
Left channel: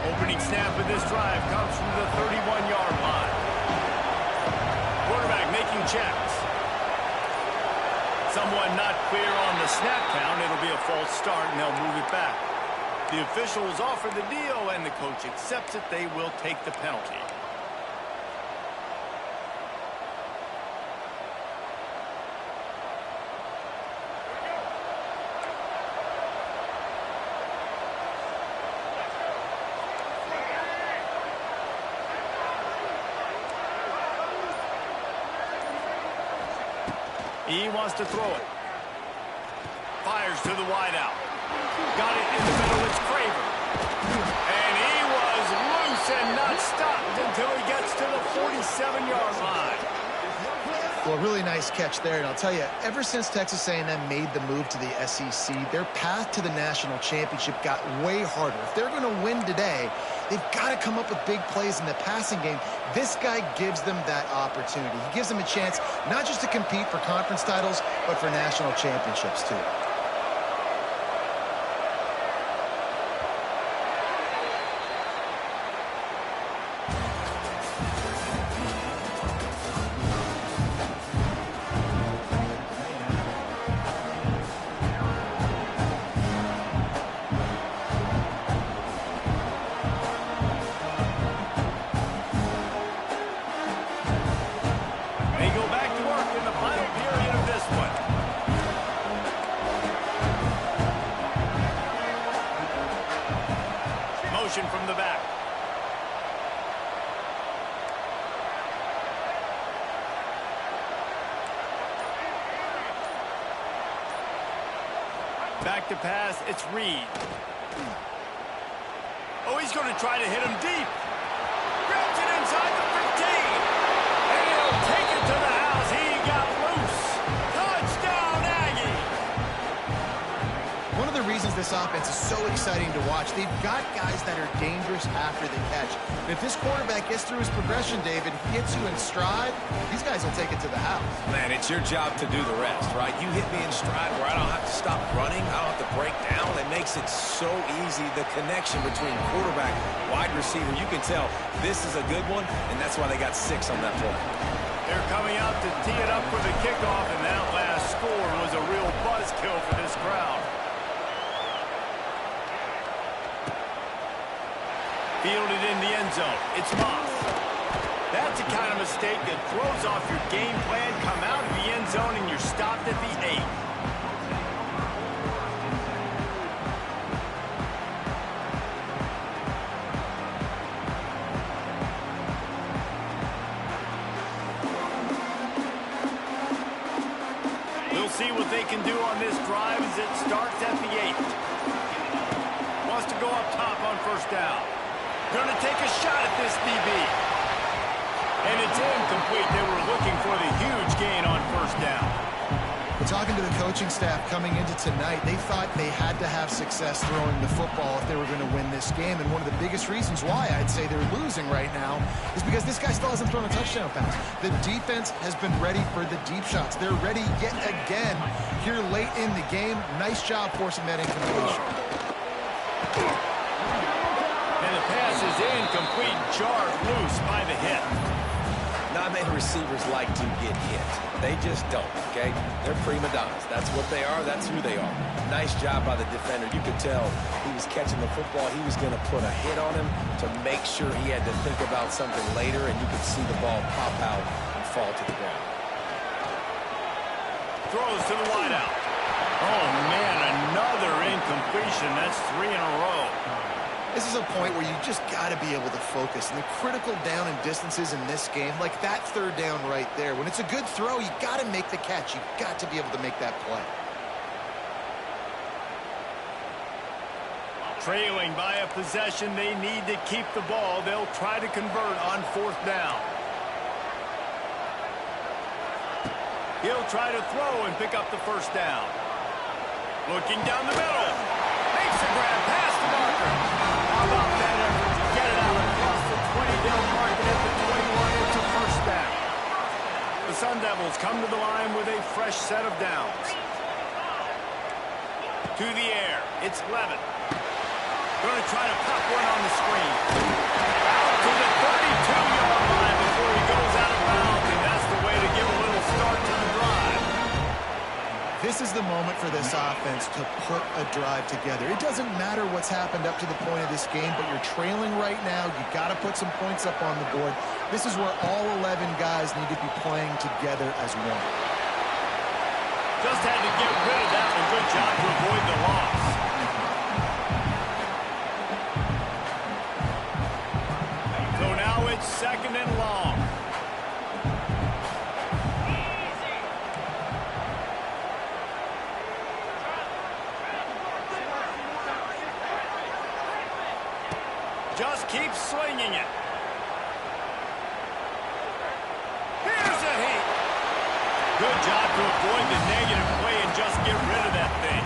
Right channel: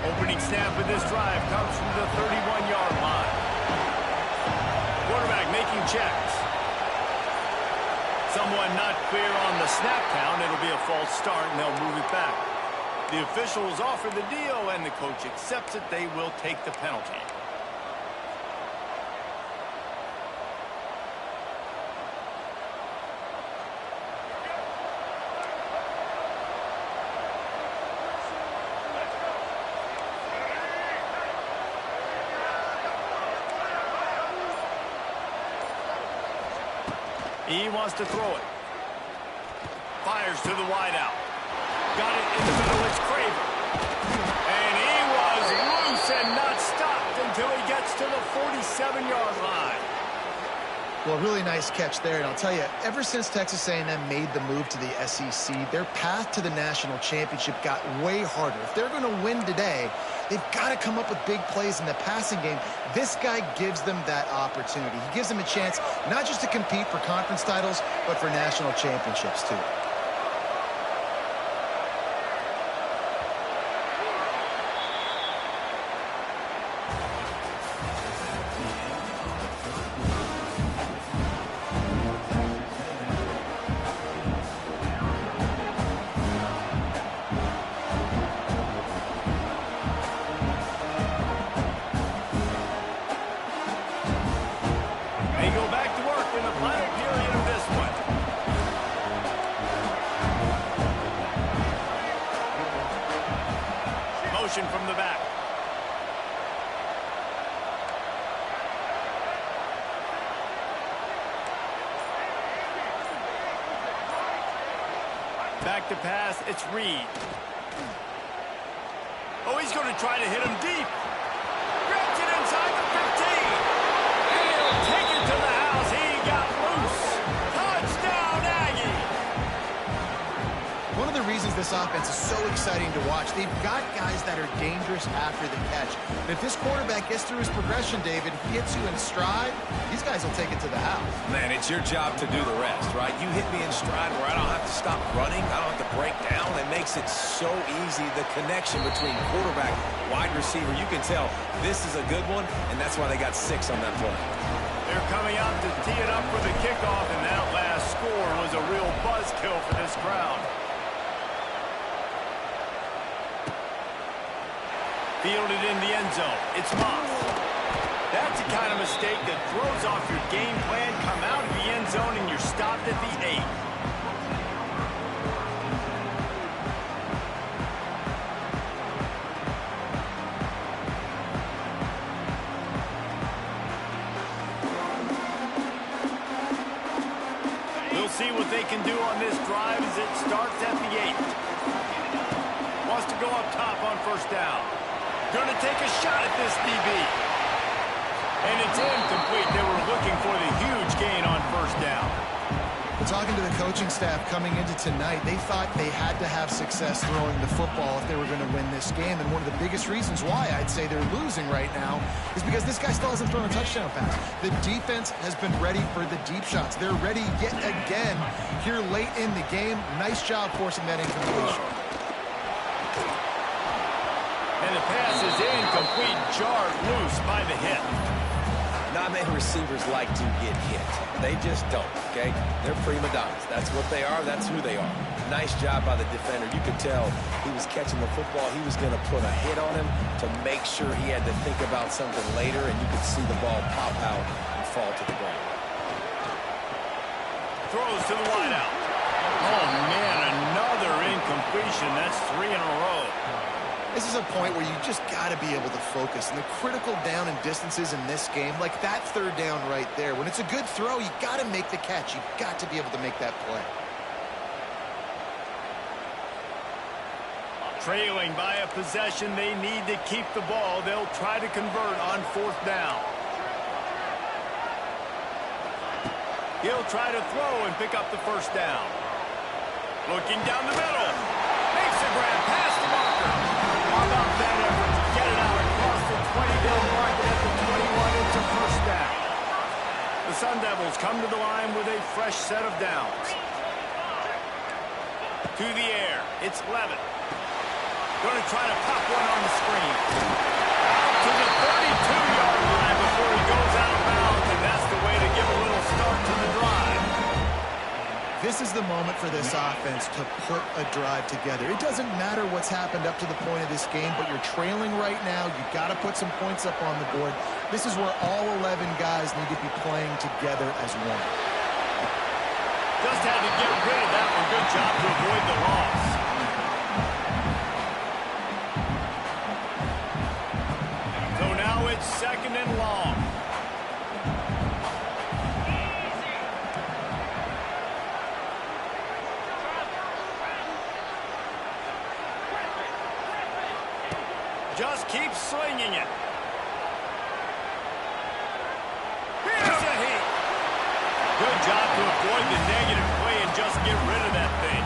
Opening snap of this drive comes from the 31-yard line. Quarterback making checks. Someone not clear on the snap count. It'll be a false start, and they'll move it back. The officials offer the deal, and the coach accepts it. They will take the penalty. He wants to throw it. Fires to the wideout. Got it in the middle. It's Craver. And he was loose and not stopped until he gets to the 47-yard line. Well, really nice catch there. And I'll tell you, ever since Texas A&M made the move to the SEC, their path to the national championship got way harder. If they're going to win today, they've got to come up with big plays in the passing game. This guy gives them that opportunity. He gives them a chance not just to compete for conference titles, but for national championships, too. They go back to work in the final period of this one. Motion from the back. Back to pass, it's Reed. Oh, he's going to try to hit him deep. Grabs it inside the 15. And he'll take it to the house. He got loose. Touchdown, Aggie. One of the reasons this offense is so exciting to watch, they've got guys that are dangerous after the catch. And if this quarterback gets through his progression, David, he hits you in stride, these guys will take it to the house. Man, it's your job to do the rest, right? You hit me in stride where I don't have to stop running. I don't have to break down. It makes it so easy. The connection between quarterback, wide receiver, you can tell this is a good one, and that's why they got 6 on that play. They're coming out to tee it up for the kickoff, and that last score was a real buzzkill for this crowd. Fielded in the end zone. It's Moss. That's the kind of mistake that throws off your game plan. Come out of the end zone and you're stopped at the 8. We'll see what they can do on this drive as it starts at the 8. Wants to go up top on first down. Going to take a shot at this DB. And it's incomplete. They were looking for the huge gain on first down. Well, talking to the coaching staff coming into tonight, they thought they had to have success throwing the football if they were going to win this game. And one of the biggest reasons why I'd say they're losing right now is because this guy still hasn't thrown a touchdown pass. The defense has been ready for the deep shots. They're ready yet again here late in the game. Nice job forcing that incompletion. And the pass is incomplete, jarred loose by the hit. Not many receivers like to get hit. They just don't, okay? They're prima donnas. That's what they are. That's who they are. Nice job by the defender. You could tell he was catching the football. He was going to put a hit on him to make sure he had to think about something later, and you could see the ball pop out and fall to the ground. Throws to the wideout. Oh, man, another incompletion. That's 3 in a row. This is a point where you just got to be able to focus. And the critical down and distances in this game, like that third down right there, when it's a good throw, you got to make the catch. You've got to be able to make that play. Trailing by a possession, they need to keep the ball. They'll try to convert on fourth down. He'll try to throw and pick up the first down. Looking down the middle. Makes a grab past the marker. How about that effort to get it out across the 20-down mark and at the 21 into first down. The Sun Devils come to the line with a fresh set of downs. To the air. It's Levitt. Going to try to pop one on the screen. Out to the 32-yard line before he goes out of bounds, and that's the way to give a little start to the drive. This is the moment for this offense to put a drive together. It doesn't matter what's happened up to the point of this game, but you're trailing right now. You got to put some points up on the board. This is where all 11 guys need to be playing together as one. Just had to get rid of that one. Good job to avoid the loss. So now it's second and long. Just keep slinging it. Here's a heat. Good job to avoid the negative play and just get rid of that thing.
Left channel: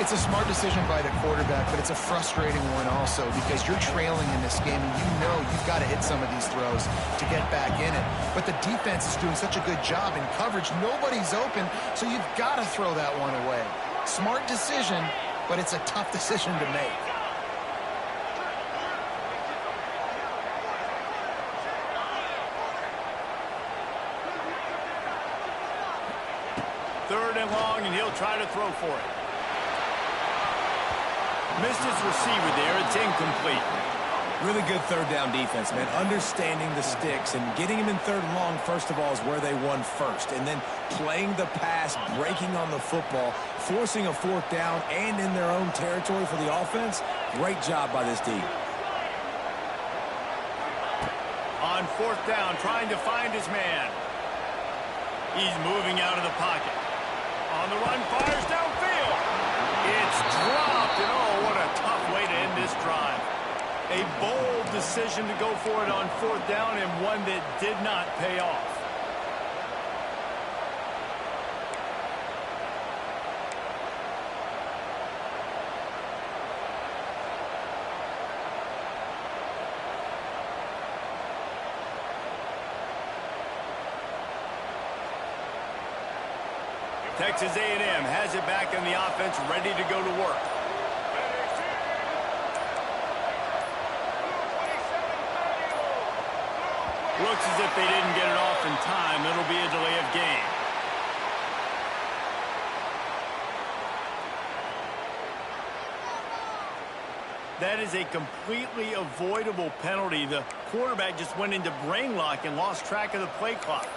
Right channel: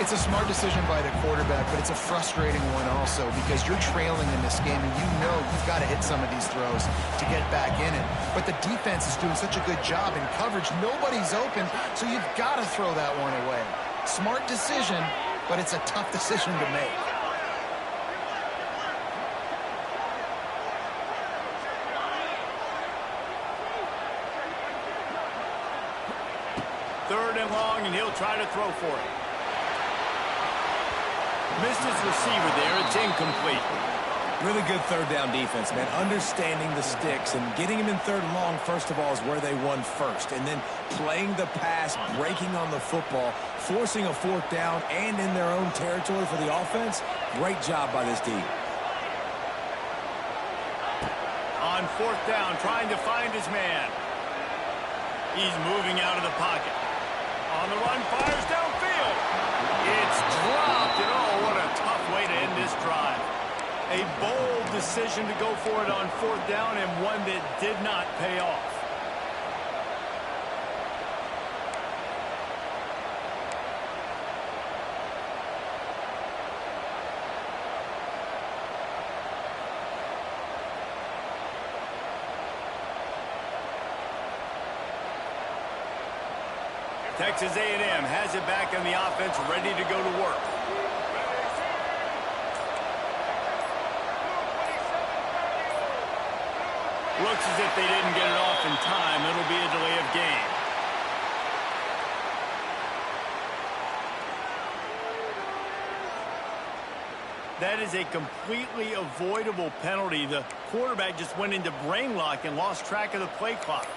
It's a smart decision by the quarterback, but it's a frustrating one also because you're trailing in this game and you know you've got to hit some of these throws to get back in it. But the defense is doing such a good job in coverage. Nobody's open, so you've got to throw that one away. Smart decision, but it's a tough decision to make. Third and long, and he'll try to throw for it. Missed his receiver there. It's incomplete. Really good third down defense, man. Understanding the sticks and getting him in third and long, first of all, is where they won first. And then playing the pass, breaking on the football, forcing a fourth down, and in their own territory for the offense. Great job by this team. On fourth down, trying to find his man. He's moving out of the pocket. On the run, fires downfield. It's dropped, and oh, what a tough way to end this drive. A bold decision to go for it on fourth down, and one that did not pay off. Texas A&M has it back on the offense, ready to go to work. Looks as if they didn't get it off in time. It'll be a delay of game. That is a completely avoidable penalty. The quarterback just went into brain lock and lost track of the play clock.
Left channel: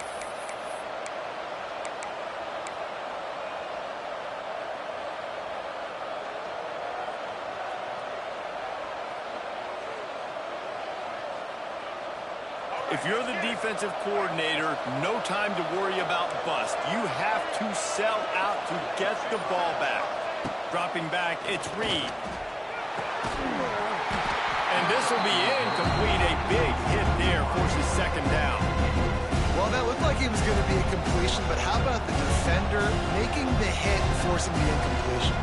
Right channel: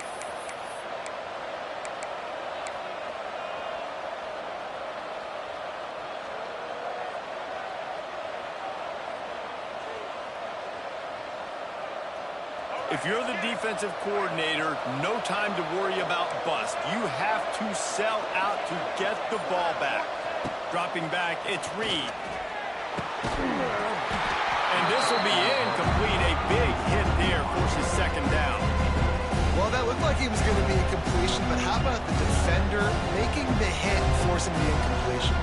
If you're the defensive coordinator, no time to worry about bust. You have to sell out to get the ball back. Dropping back, it's Reed. And this will be incomplete. A big hit there forces second down. Well, that looked like it was going to be a completion, but how about the defender making the hit and forcing the incompletion?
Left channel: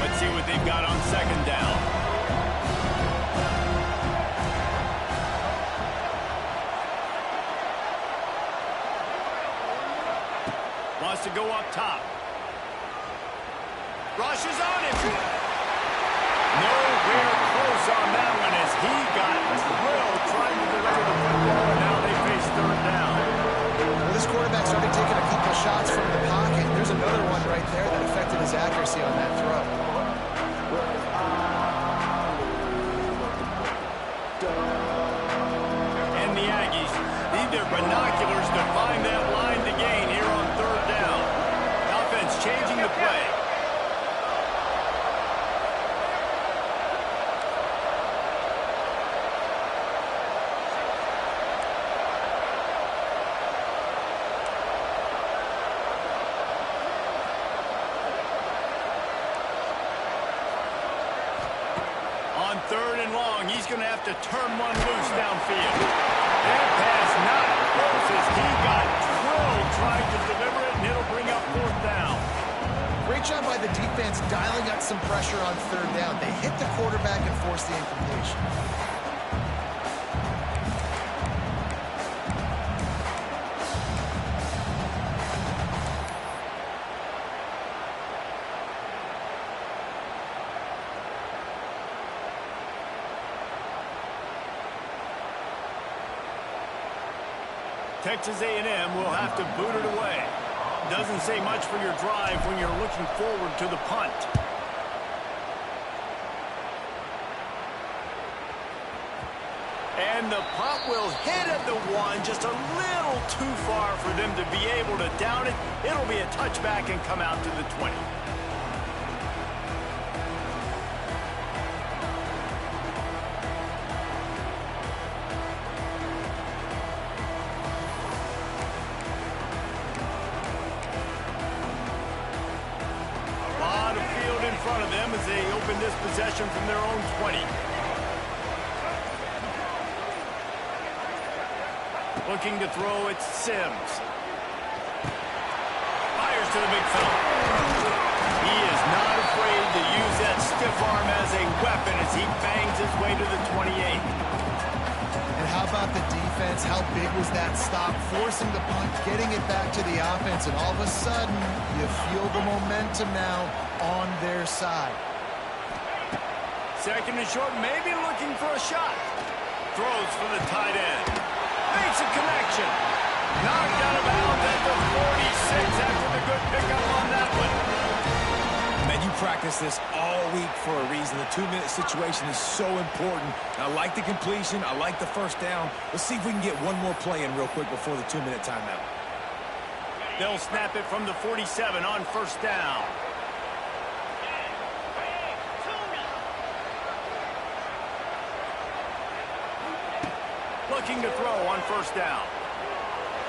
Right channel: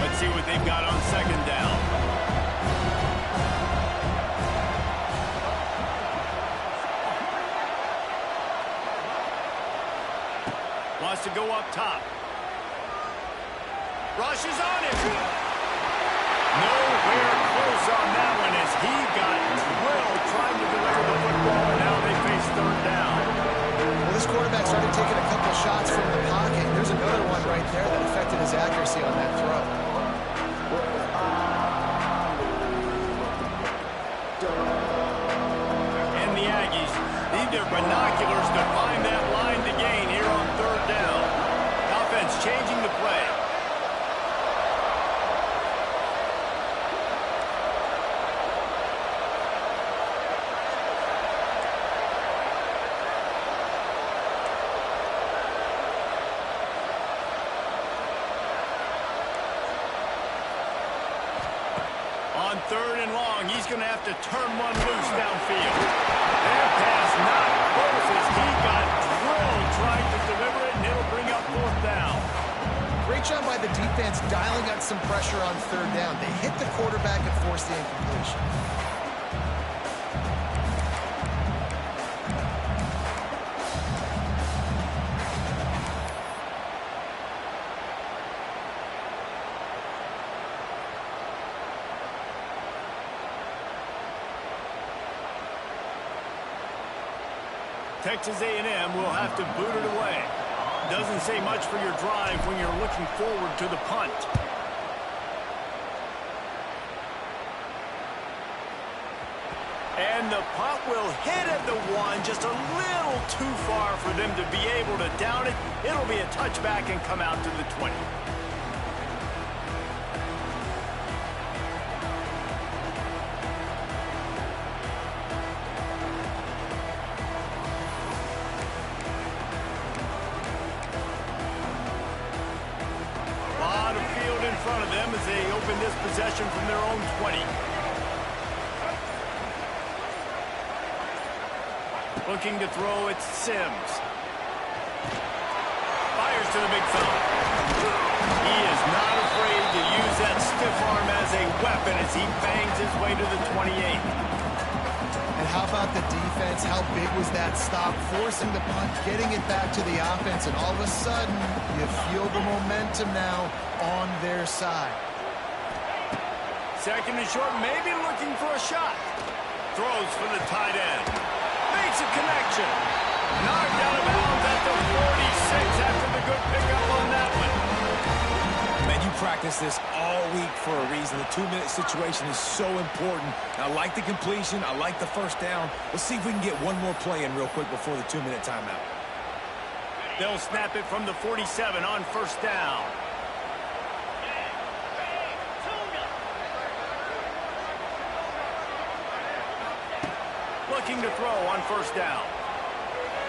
Let's see what they've got on second down. Wants to go up top. Rushes on him. Nowhere close on that one as he got drilled trying to deliver the football, and now they face third down. Well, this quarterback started taking a couple shots from the pocket. There's another one right there that affected his accuracy on that throw. And the Aggies need their binoculars to find that line to gain here on third down. Offense changing the play. On third and long, he's going to have to turn one loose downfield. That pass not close as he got drilled trying to deliver it, and it'll bring up fourth down. Great job by the defense dialing up some pressure on third down. They hit the quarterback and forced the incompletion. Texas A&M will have to boot it away. Doesn't say much for your drive when you're looking forward to the punt. And the punt will hit at the one, just a little too far for them to be able to down it. It'll be a touchback and come out to the 20. In front of them as they open this possession from their own 20. Looking to throw, it's Sims. Fires to the big fella. He is not afraid to use that stiff arm as a weapon as he bangs his way to the 28. And how about the defense? How big was that stop? Forcing the punt, getting it back to the offense, and all of a sudden, you feel the momentum now on their side. Second and short, maybe looking for a shot. Throws for the tight end. Makes a connection. Knocked out of bounds at the 46 after the good pickup on that one. Man, you practice this all week for a reason. The 2-minute situation is so important. I like the completion. I like the first down. Let's see if we can get one more play in real quick before the 2-minute timeout. They'll snap it from the 47 on first down. Looking to throw on first down.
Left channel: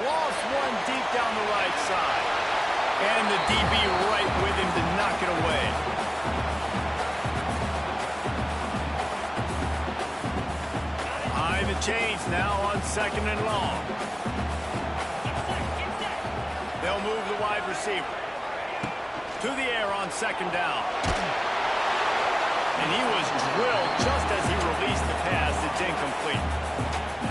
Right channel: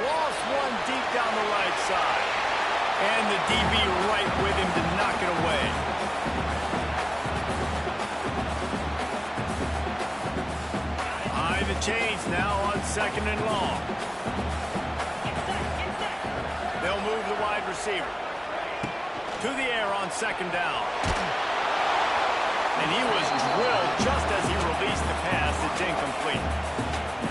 Lost one deep down the right side. And the DB right with him to knock it away. High the chains now on second and long. They'll move the wide receiver. To the air on second down. And he was drilled just as he released the pass. It's incomplete.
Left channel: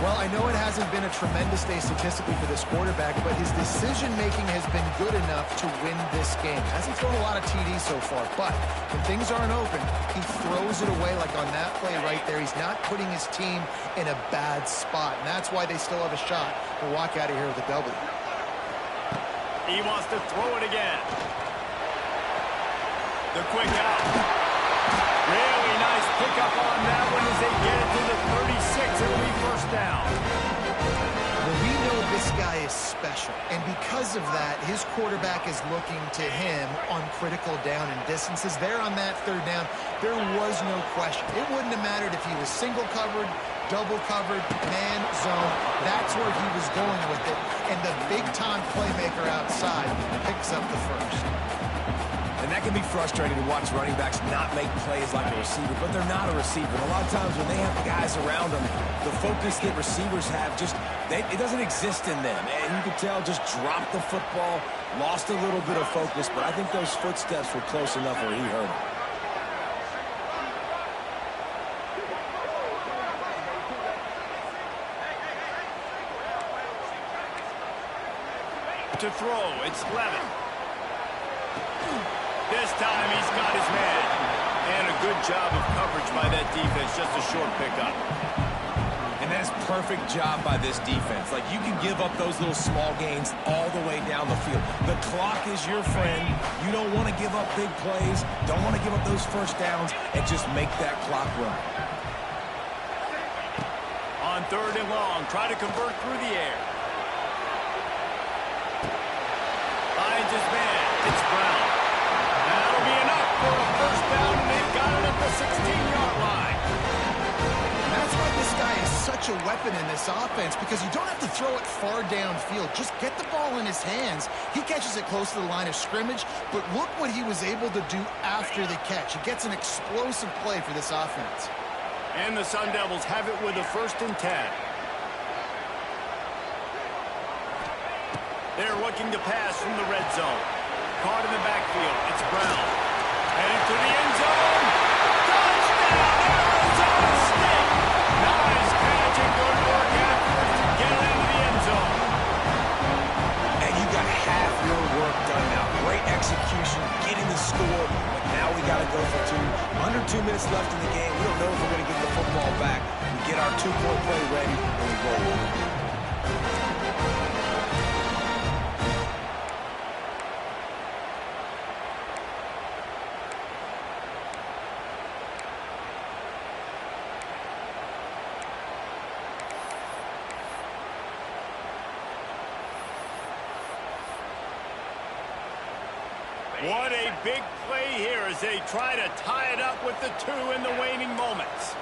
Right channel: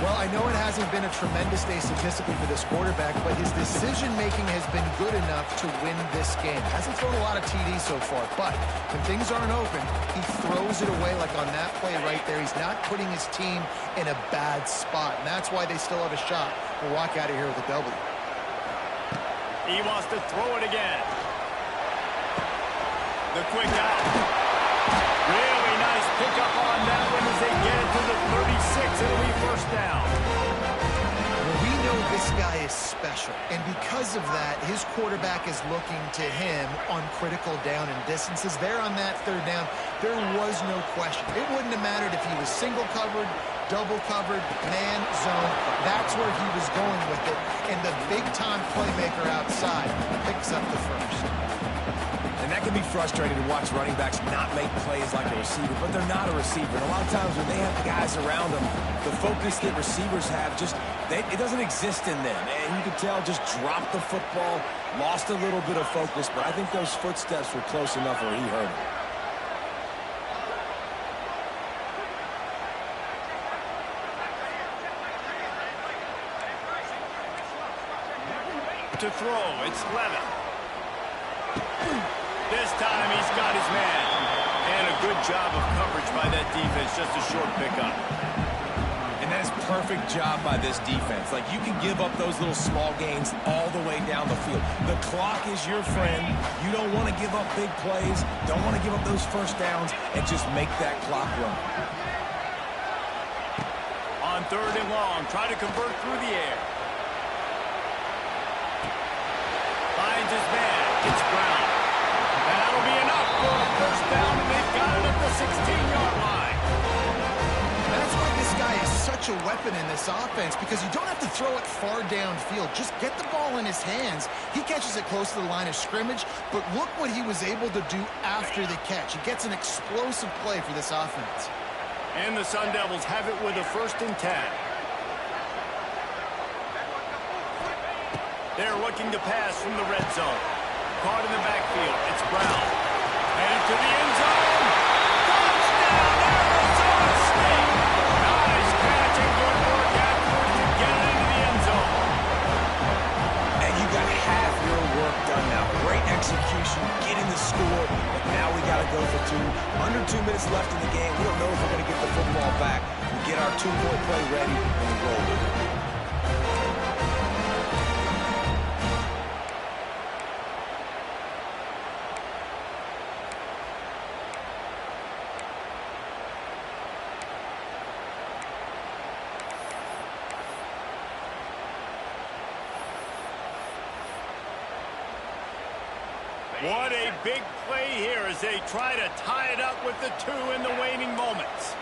Well, I know it hasn't been a tremendous day statistically for this quarterback, but his decision-making has been good enough to win this game. Hasn't thrown a lot of TDs so far, but when things aren't open, he throws it away like on that play right there. He's not putting his team in a bad spot, and that's why they still have a shot to walk out of here with a W. He wants to throw it again. The quick out. Really nice pickup on that one as they get it to the 36. It'll be first down. Well, we know this guy is special, and because of that, his quarterback is looking to him on critical down and distances. There on that third down, there was no question. It wouldn't have mattered if he was single covered, double covered, man, zone. That's where he was going with it, and the big-time playmaker outside picks up the first. And that can be frustrating to watch running backs not make plays like a receiver, but they're not a receiver. And a lot of times when they have the guys around them, the focus that receivers have it doesn't exist in them. And you can tell just dropped the football, lost a little bit of focus, but I think those footsteps were close enough where he heard them. To throw, it's Levin. This time he's got his man. And a good job of coverage by that defense. Just a short pickup. And that is perfect job by this defense. Like, you can give up those little small gains all the way down the field. The clock is your friend. You don't want to give up big plays. Don't want to give up those first downs and just make that clock run. On third and long, try to convert through the air. Finds his man. It's Brown. That'll be enough for a first down, and they've got it at the 16-yard line. That's why this guy is such a weapon in this offense, because you don't have to throw it far downfield. Just get the ball in his hands. He catches it close to the line of scrimmage, but look what he was able to do after the catch. He gets an explosive play for this offense. And the Sun Devils have it with a 1st and 10. They're looking to pass from the red zone. Caught in the backfield. It's Brown. Headed to the end zone. Touchdown, Arizona State. Nice catch and good work afterwards to get it into the end zone. And you got half your work done now. Great execution, getting the score, but now we got to go for 2. Under 2 minutes left in the game. We don't know if we're going to get the football back. We get our 2-point play ready, and we roll with it. What a big play here as they try to tie it up with the 2 in the waning moments.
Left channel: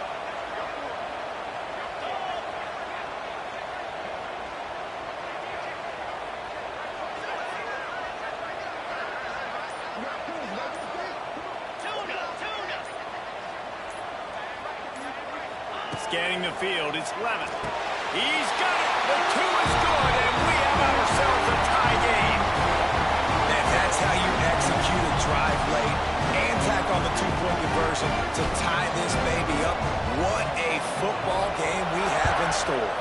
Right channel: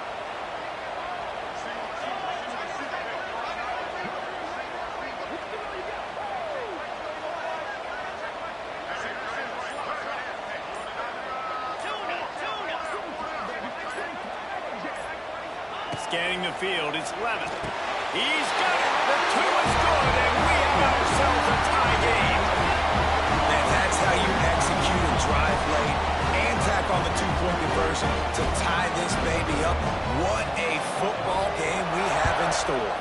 Scanning the field, it's Levin. He's got it. The 2 is good, and we have ourselves a tie game. And that's how you execute a drive late and tack on the 2-point conversion to tie this baby up. What a football game we have in store.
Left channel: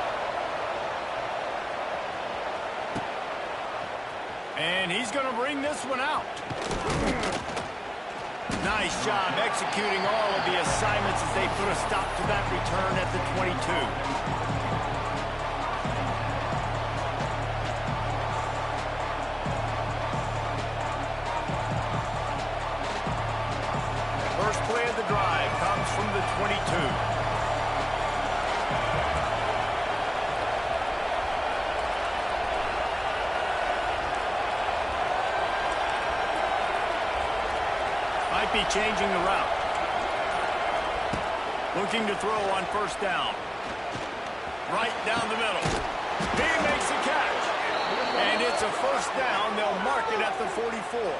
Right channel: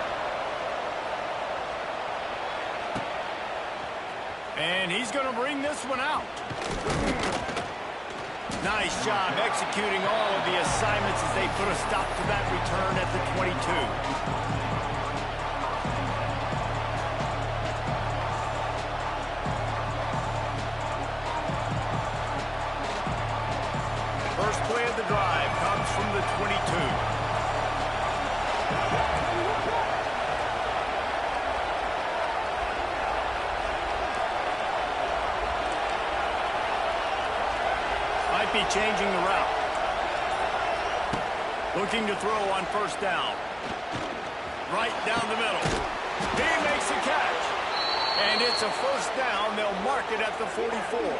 And he's going to bring this one out. Nice job executing all of the assignments as they put a stop to that return at the 22. First play of the drive comes from the 22. Might be changing the route. Looking to throw on first down. Right down the middle. He makes a catch. And it's a first down. They'll mark it at the 44.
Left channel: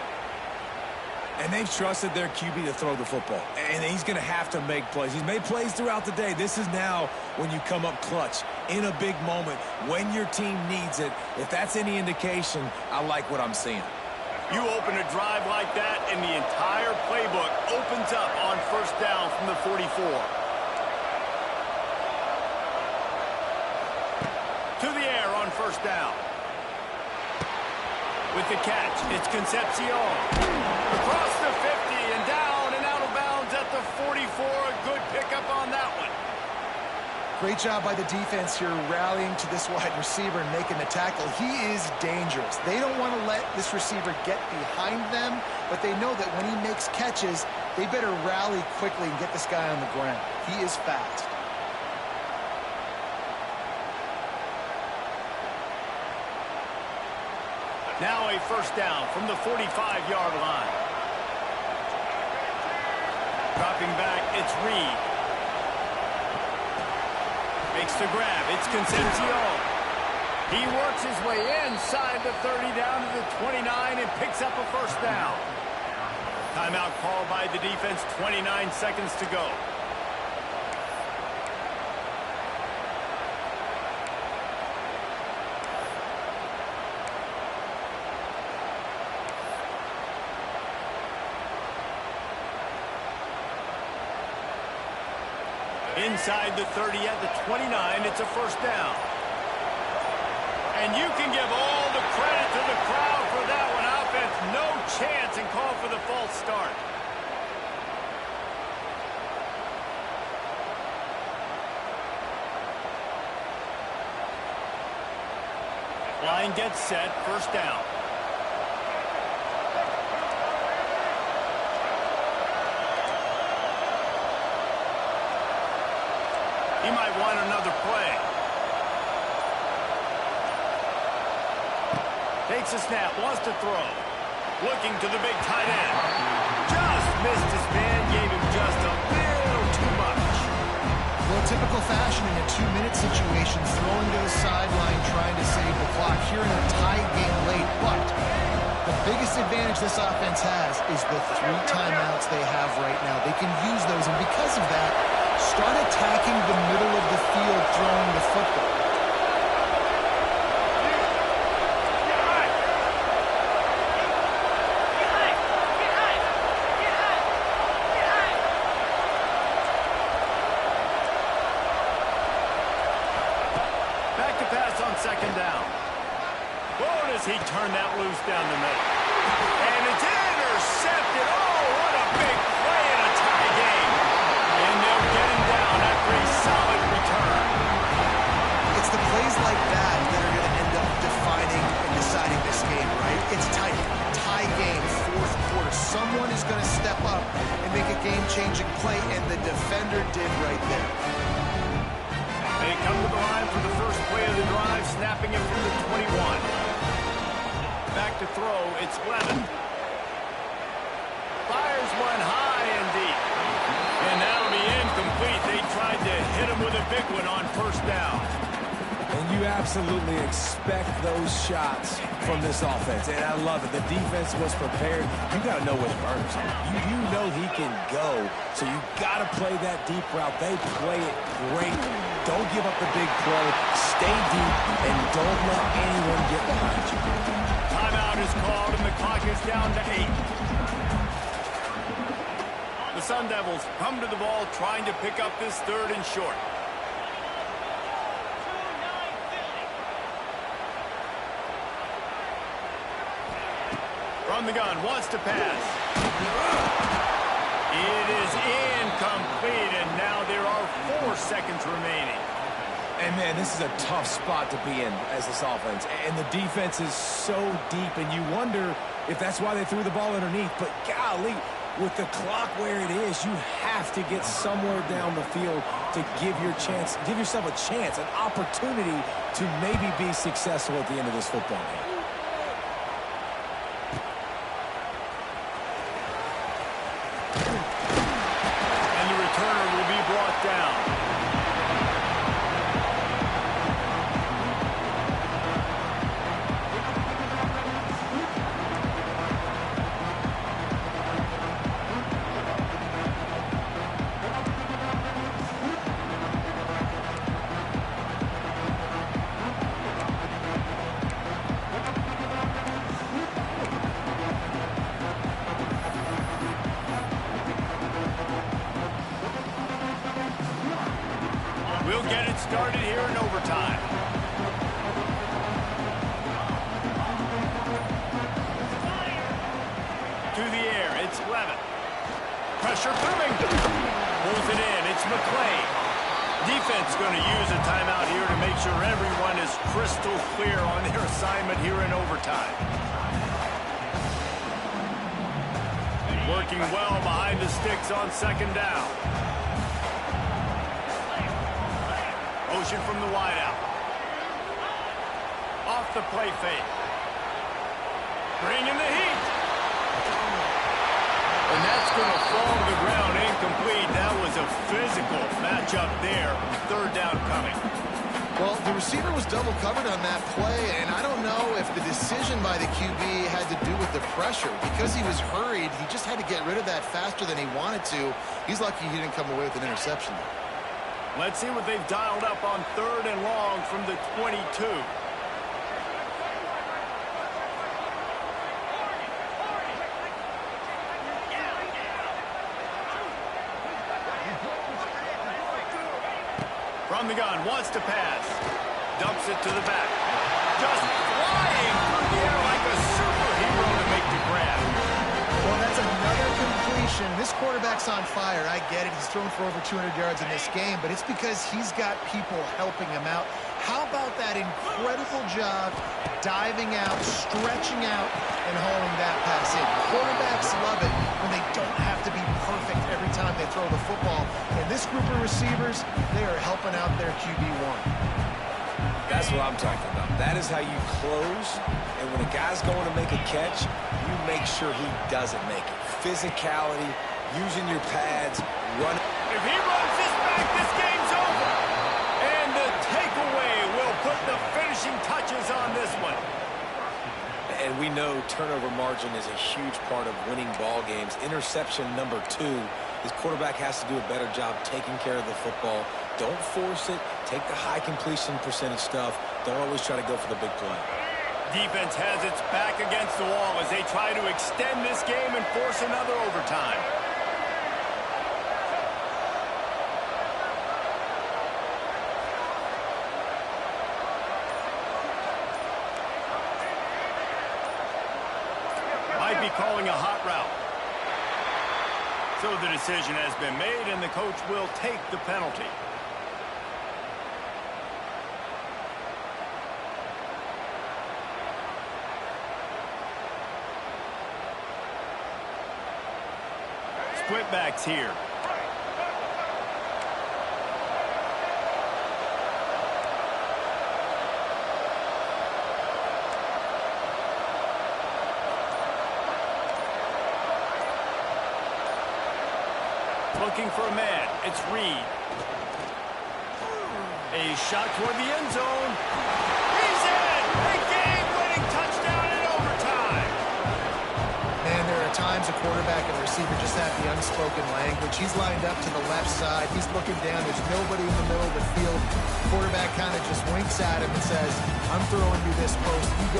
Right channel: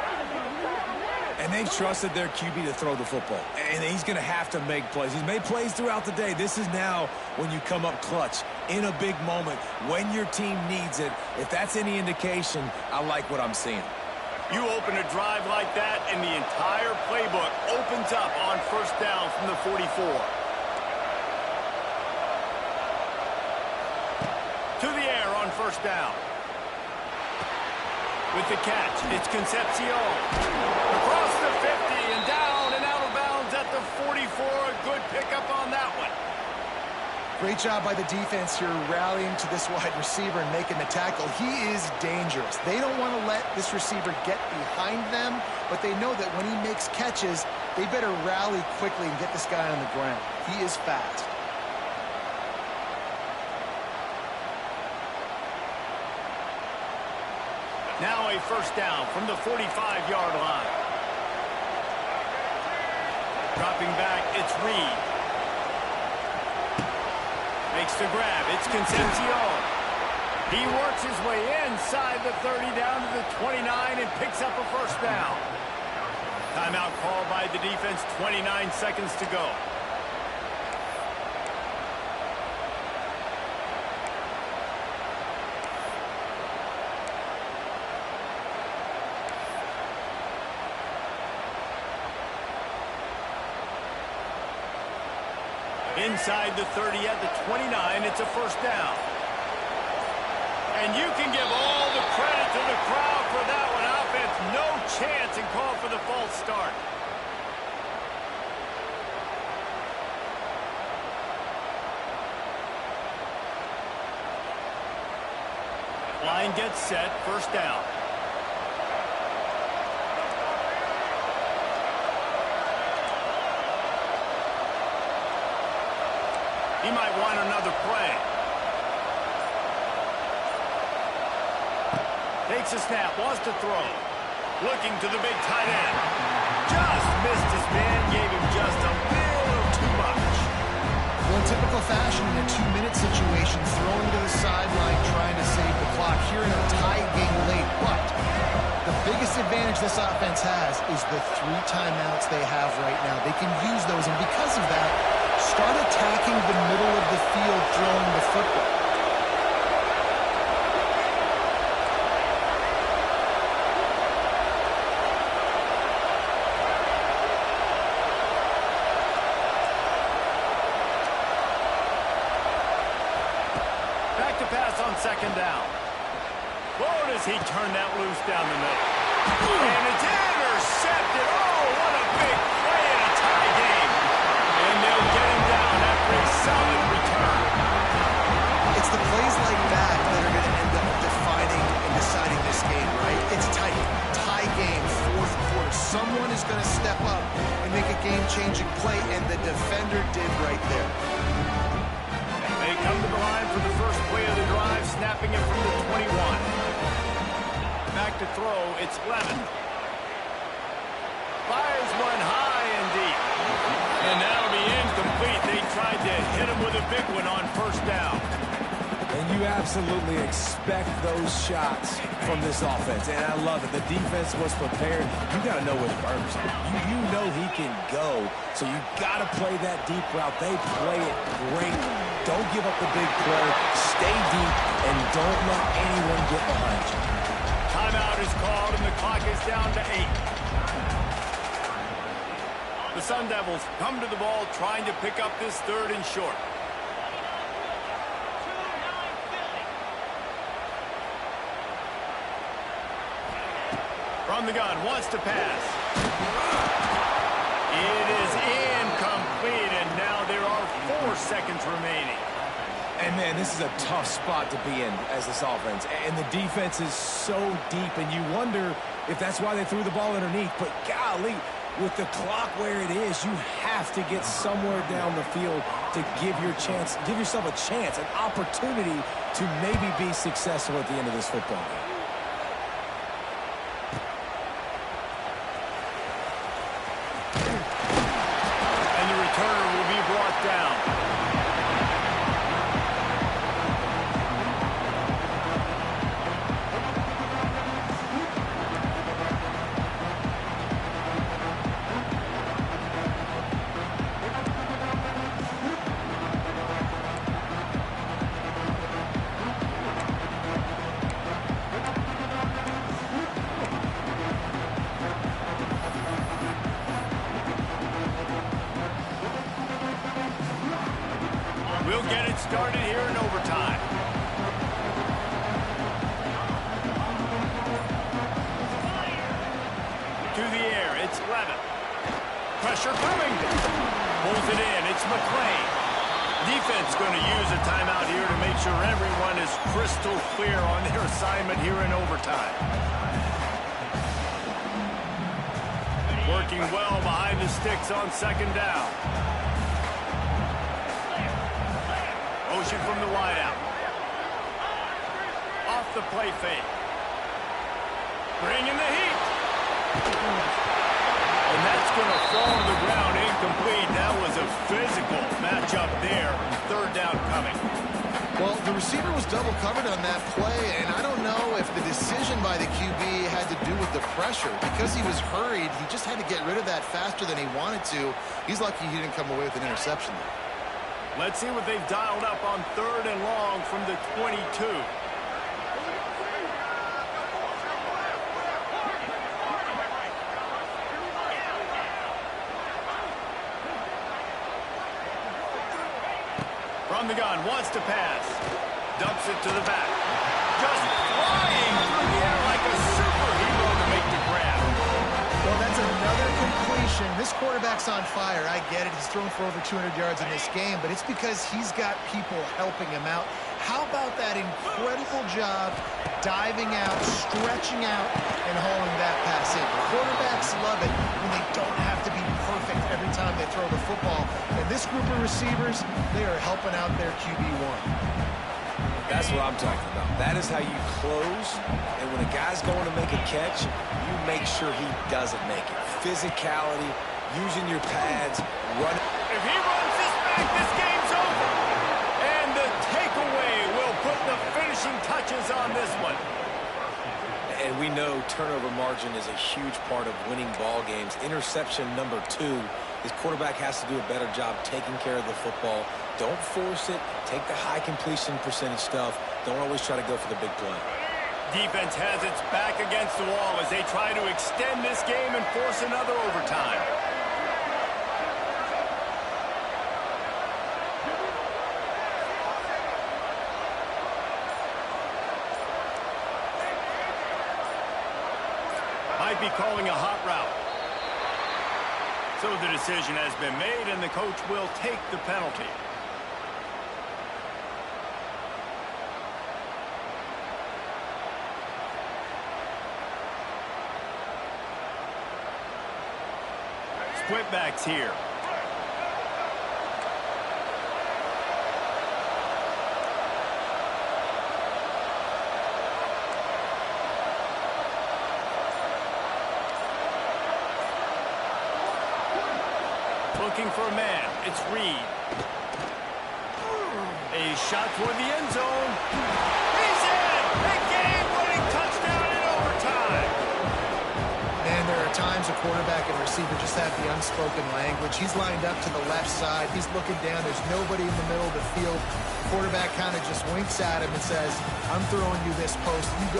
And they've trusted their QB to throw the football. And he's going to have to make plays. He's made plays throughout the day. This is now when you come up clutch in a big moment when your team needs it. If that's any indication, I like what I'm seeing. You open a drive like that, and the entire playbook opens up on first down from the 44. first down. With the catch, it's Concepcion. Across the 50 and down and out of bounds at the 44. A good pickup on that one. Great job by the defense here rallying to this wide receiver and making the tackle. He is dangerous. They don't want to let this receiver get behind them, but they know that when he makes catches, they better rally quickly and get this guy on the ground. He is fast. Now a first down from the 45-yard line. Dropping back, it's Reed. Makes the grab, it's Concepcion. He works his way inside the 30 down to the 29 and picks up a first down. Timeout called by the defense, 29 seconds to go. Inside the 30 at the 29, it's a first down. And you can give all the credit to the crowd for that one. Offense, no chance, and call for the false start. Line gets set, first down. He might want another play. Takes a snap, wants to throw. Looking to the big tight end. Just missed his man, gave him just a little too much. Well, in typical fashion, in a 2-minute situation, throwing to the sideline, trying to save the clock here in a tie game late. But the biggest advantage this offense has is the 3 timeouts they have right now. They can use those, and because of that, start attacking the middle of the field throwing the football. Back to pass on second down. Oh, does he turn that loose down the middle. And it's intercepted. Oh, what a big play in a tie game. And they'll get him down after a solid return. It's the plays like that that are going to end up defining and deciding this game, right? It's tight. Tie game, fourth quarter. Someone is going to step up and make a game-changing play, and the defender did right there. They come to the line for the first play of the drive, snapping it from the 21. Back to throw, it's Levin. Fires one high and deep. And that'll be incomplete. They tried to hit him with a big one on first down. And you absolutely expect those shots from this offense. And I love it. The defense was prepared. You got to know where the burner's at. You know he can go. So you got to play that deep route. They play it great. Don't give up the big play. Stay deep and don't let anyone get behind you. Timeout is called and the clock is down to 8. The Sun Devils come to the ball trying to pick up this third and short. From the gun, wants to pass. It is incomplete, and now there are 4 seconds remaining. And, man, this is a tough spot to be in as this offense. And the defense is so deep, and you wonder if that's why they threw the ball underneath. But, golly, with the clock where it is, you have to get somewhere down the field to give yourself a chance, an opportunity to maybe be successful at the end of this football game. And the returner will be brought down. We'll get it started here in overtime. It's Levitt. Pressure coming. Pulls it in. It's McClain. Defense going to use a timeout here to make sure everyone is crystal clear on their assignment here in overtime. Working well behind the sticks on second down. Motion from the wideout. Off the play fake. Bringing the heat. And that's going to fall to the ground incomplete. That was a physical matchup there. Third down coming. Well, the receiver was double covered on that play, and I don't know if the decision by the QB had to do with the pressure. Because he was hurried, he just had to get rid of that faster than he wanted to. He's lucky he didn't come away with an interception there. Let's see what they've dialed up on third and long from the 22. From the gun, wants to pass. Dumps it to the back. Just flying through the air like a superhero to make the grab. Well, that's another completion. This quarterback's on fire. I get it. He's thrown for over 200 yards in this game, but it's because he's got people helping him out. How about that incredible job diving out, stretching out, and hauling that pass in? Quarterbacks love it when they don't have to be perfect every time they throw the football. And this group of receivers, they are helping out their QB1. That's what I'm talking about. That is how you close. And when a guy's going to make a catch, you make sure he doesn't make it. Physicality, using your pads, running. If he runs this back, this game's over. And the takeaway will put the finishing touches on this one. And we know turnover margin is a huge part of winning ball games. Interception number 2. His quarterback has to do a better job taking care of the football. Don't force it. Take the high completion percentage stuff. Don't always try to go for the big play. Defense has its back against the wall as they try to extend this game and force another overtime. Might be calling a hot route. So the decision has been made, and the coach will take the penalty. Split backs here. Looking for a man. It's Reed. A shot toward the end zone. He's in! A game-winning touchdown in overtime. Man, there are times a quarterback and a receiver just have the unspoken language. He's lined up to the left side. He's looking down. There's nobody in the middle of the field. Quarterback kind of just winks at him and says, I'm throwing you this post. You go